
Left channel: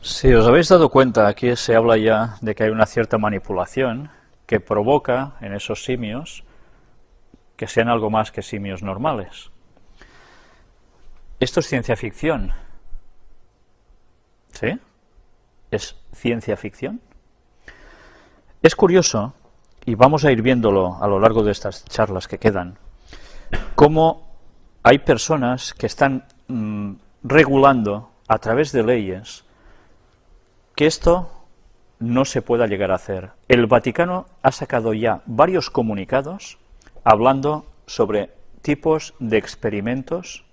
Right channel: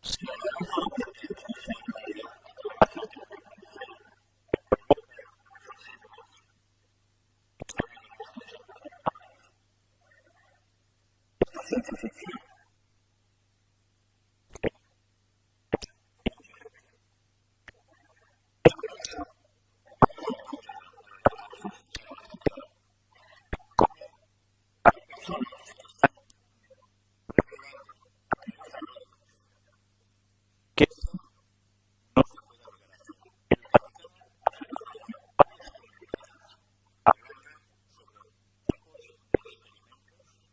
Si os habéis dado cuenta, aquí se habla ya de que hay una cierta manipulación, que provoca en esos simios que sean algo más que simios normales. Esto es ciencia ficción. ¿Sí? ¿Es ciencia ficción? Es curioso, y vamos a ir viéndolo a lo largo de estas charlas que quedan, cómo hay personas que están regulando a través de leyes que esto no se pueda llegar a hacer. El Vaticano ha sacado ya varios comunicados hablando sobre tipos de experimentos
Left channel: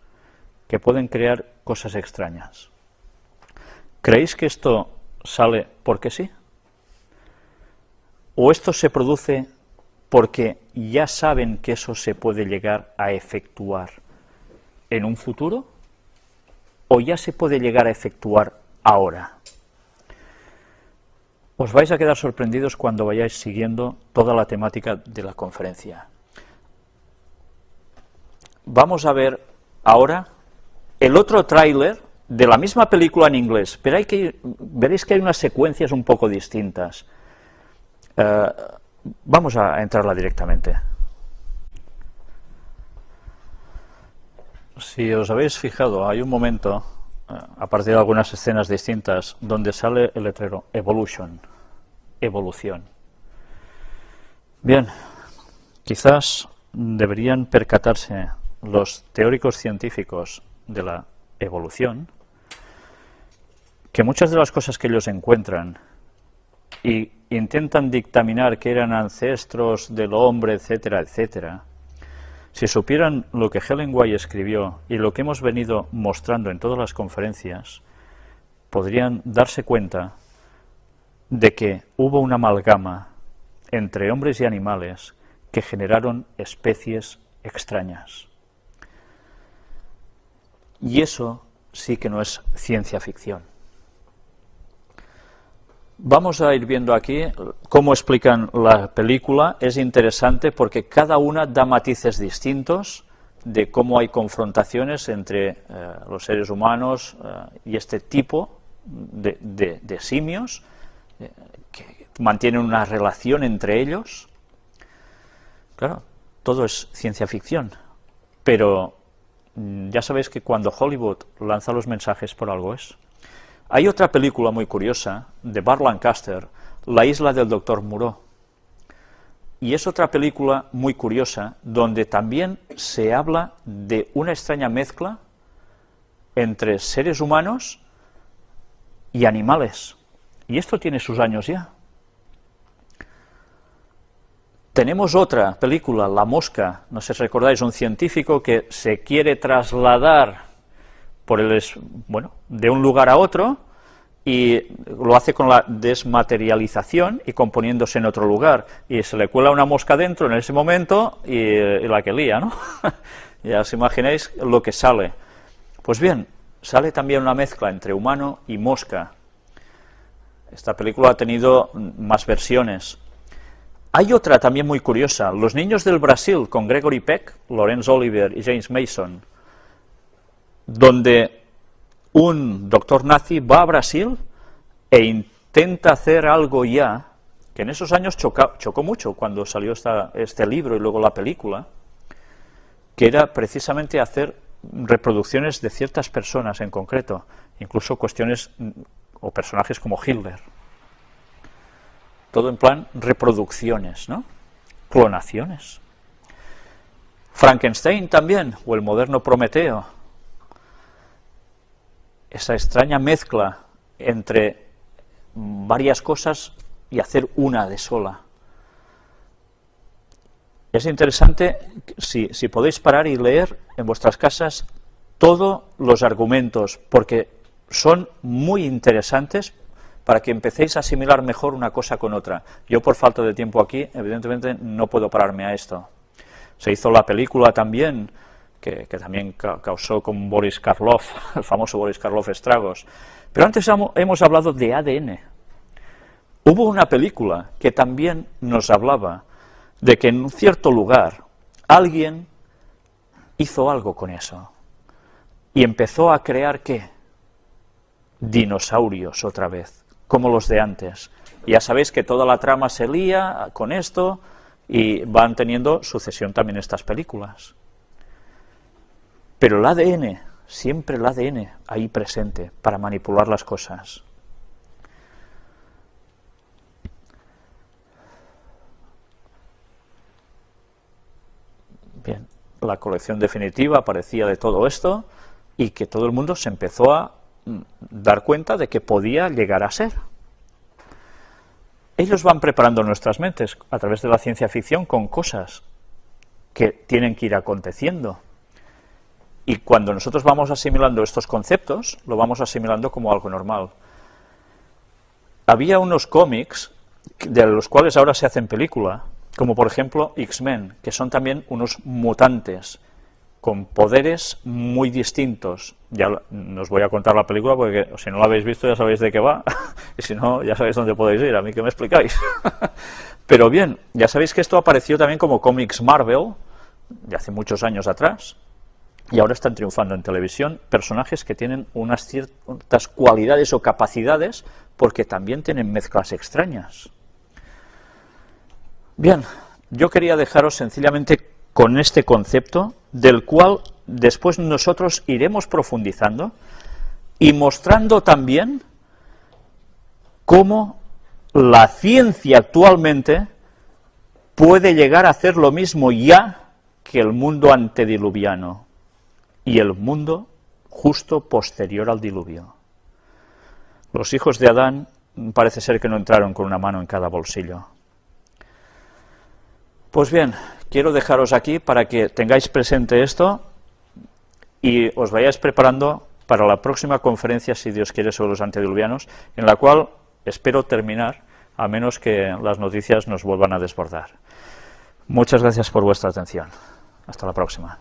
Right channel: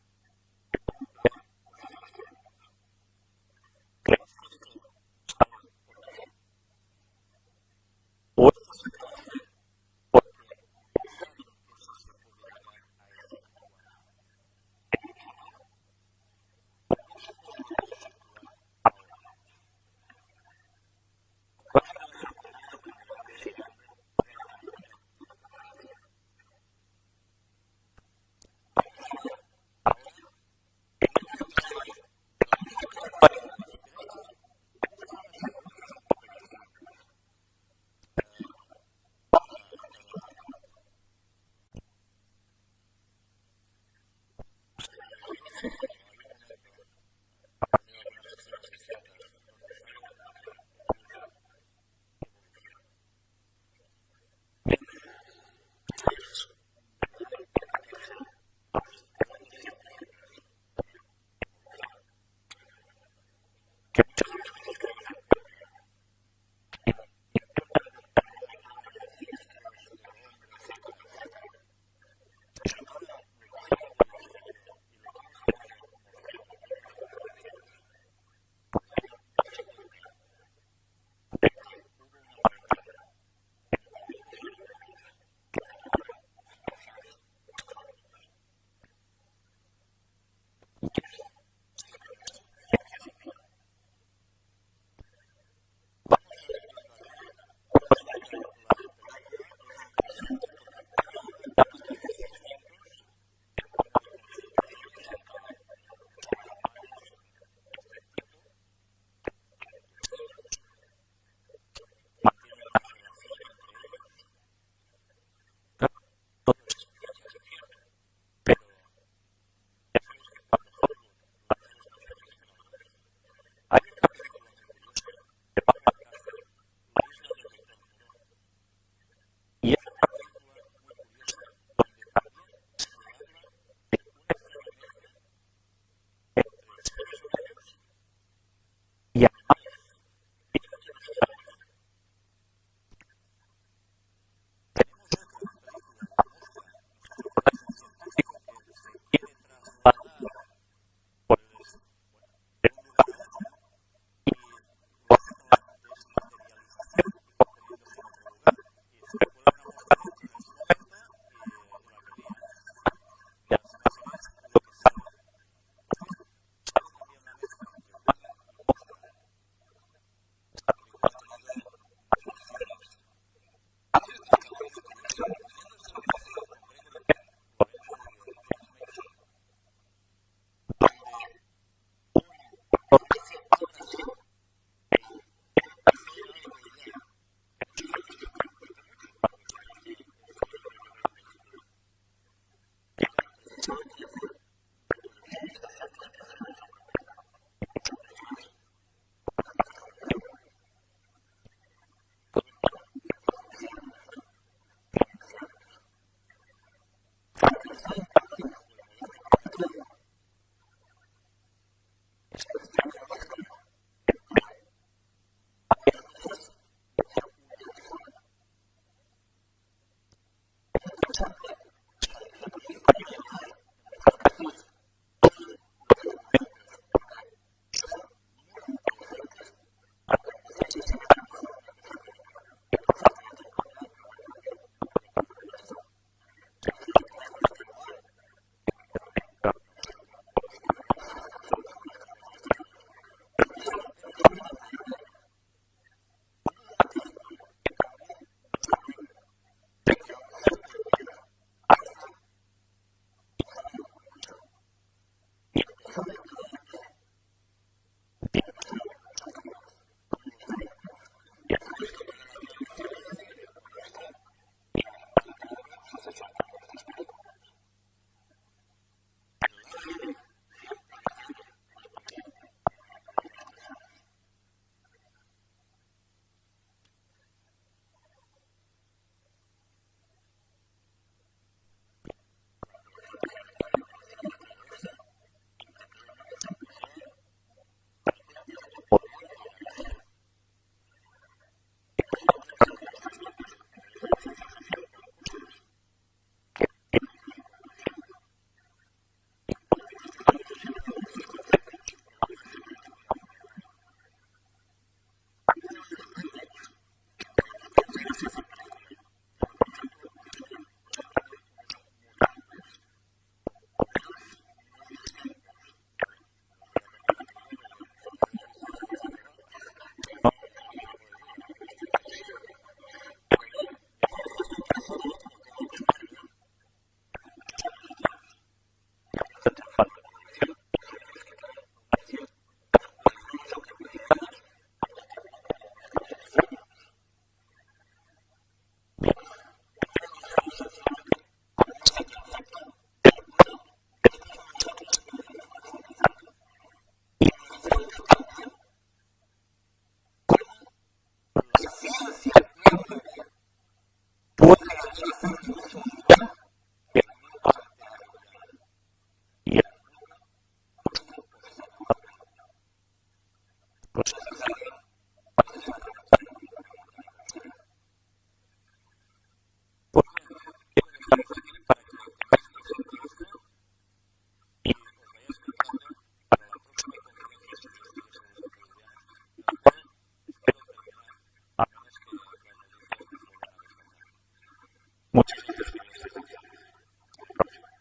que pueden crear cosas extrañas. ¿Creéis que esto sale porque sí? ¿O esto se produce porque ya saben que eso se puede llegar a efectuar en un futuro? ¿O ya se puede llegar a efectuar ahora? Os vais a quedar sorprendidos cuando vayáis siguiendo toda la temática de la conferencia. Vamos a ver ahora el otro tráiler de la misma película en inglés, pero veréis que hay unas secuencias un poco distintas. Vamos a entrarla directamente. Si os habéis fijado, hay un momento, a partir de algunas escenas distintas, donde sale el letrero Evolution, evolución. Bien, quizás deberían percatarse los teóricos científicos de la evolución que muchas de las cosas que ellos encuentran y intentan dictaminar que eran ancestros del hombre, etcétera, etcétera, si supieran lo que Helen White escribió y lo que hemos venido mostrando en todas las conferencias, podrían darse cuenta de que hubo una amalgama entre hombres y animales que generaron especies extrañas. Y eso sí que no es ciencia ficción. Vamos a ir viendo aquí cómo explican la película. Es interesante porque cada una da matices distintos de cómo hay confrontaciones entre los seres humanos y este tipo de simios que mantienen una relación entre ellos. Claro, todo es ciencia ficción, pero ya sabéis que cuando Hollywood lanza los mensajes por algo es. Hay otra película muy curiosa, de Burt Lancaster, La isla del Dr. Moreau. Y es otra película muy curiosa, donde también se habla de una extraña mezcla entre seres humanos y animales. Y esto tiene sus años ya. Tenemos otra película, La mosca, no sé si recordáis, un científico que se quiere trasladar de un lugar a otro y lo hace con la desmaterialización y componiéndose en otro lugar. Y se le cuela una mosca dentro en ese momento y la que lía, ¿no? Ya os imagináis lo que sale. Pues bien, sale también una mezcla entre humano y mosca. Esta película ha tenido más versiones. Hay otra también muy curiosa, Los niños del Brasil, con Gregory Peck, Laurence Olivier y James Mason, donde un doctor nazi va a Brasil e intenta hacer algo ya, que en esos años chocó mucho cuando salió este libro y luego la película, que era precisamente hacer reproducciones de ciertas personas en concreto, incluso cuestiones o personajes como Hitler. Todo en plan reproducciones, ¿no? Clonaciones. Frankenstein también, o el moderno Prometeo. Esa extraña mezcla entre varias cosas y hacer una de sola. Es interesante, si podéis parar y leer en vuestras casas todos los argumentos, porque son muy interesantes para que empecéis a asimilar mejor una cosa con otra. Yo, por falta de tiempo aquí, evidentemente no puedo pararme a esto. Se hizo la película también, que también causó con Boris Karloff, el famoso Boris Karloff, estragos. Pero antes hemos hablado de ADN. Hubo una película que también nos hablaba de que en un cierto lugar alguien hizo algo con eso y empezó a crear, ¿qué? Dinosaurios otra vez, como los de antes, Ya sabéis que toda la trama se lía con esto y van teniendo sucesión también estas películas. Pero el ADN, siempre el ADN ahí presente para manipular las cosas. Bien, la colección definitiva aparecía de todo esto y que todo el mundo se empezó a dar cuenta de que podía llegar a ser. Ellos van preparando nuestras mentes a través de la ciencia ficción con cosas que tienen que ir aconteciendo. Y cuando nosotros vamos asimilando estos conceptos, lo vamos asimilando como algo normal. Había unos cómics de los cuales ahora se hacen película, como por ejemplo X-Men, que son también unos mutantes con poderes muy distintos. Ya no os voy a contar la película porque si no la habéis visto ya sabéis de qué va, y si no ya sabéis dónde podéis ir, a mí que me explicáis. Pero bien, ya sabéis que esto apareció también como cómics Marvel, de hace muchos años atrás, y ahora están triunfando en televisión personajes que tienen unas ciertas cualidades o capacidades porque también tienen mezclas extrañas. Bien, yo quería dejaros sencillamente con este concepto, del cual después nosotros iremos profundizando y mostrando también cómo la ciencia actualmente puede llegar a hacer lo mismo ya que el mundo antediluviano y el mundo justo posterior al diluvio. Los hijos de Adán parece ser que no entraron con una mano en cada bolsillo. Pues bien, quiero dejaros aquí para que tengáis presente esto y os vayáis preparando para la próxima conferencia, si Dios quiere, sobre los antediluvianos, en la cual espero terminar, a menos que las noticias nos vuelvan a desbordar. Muchas gracias por vuestra atención. Hasta la próxima.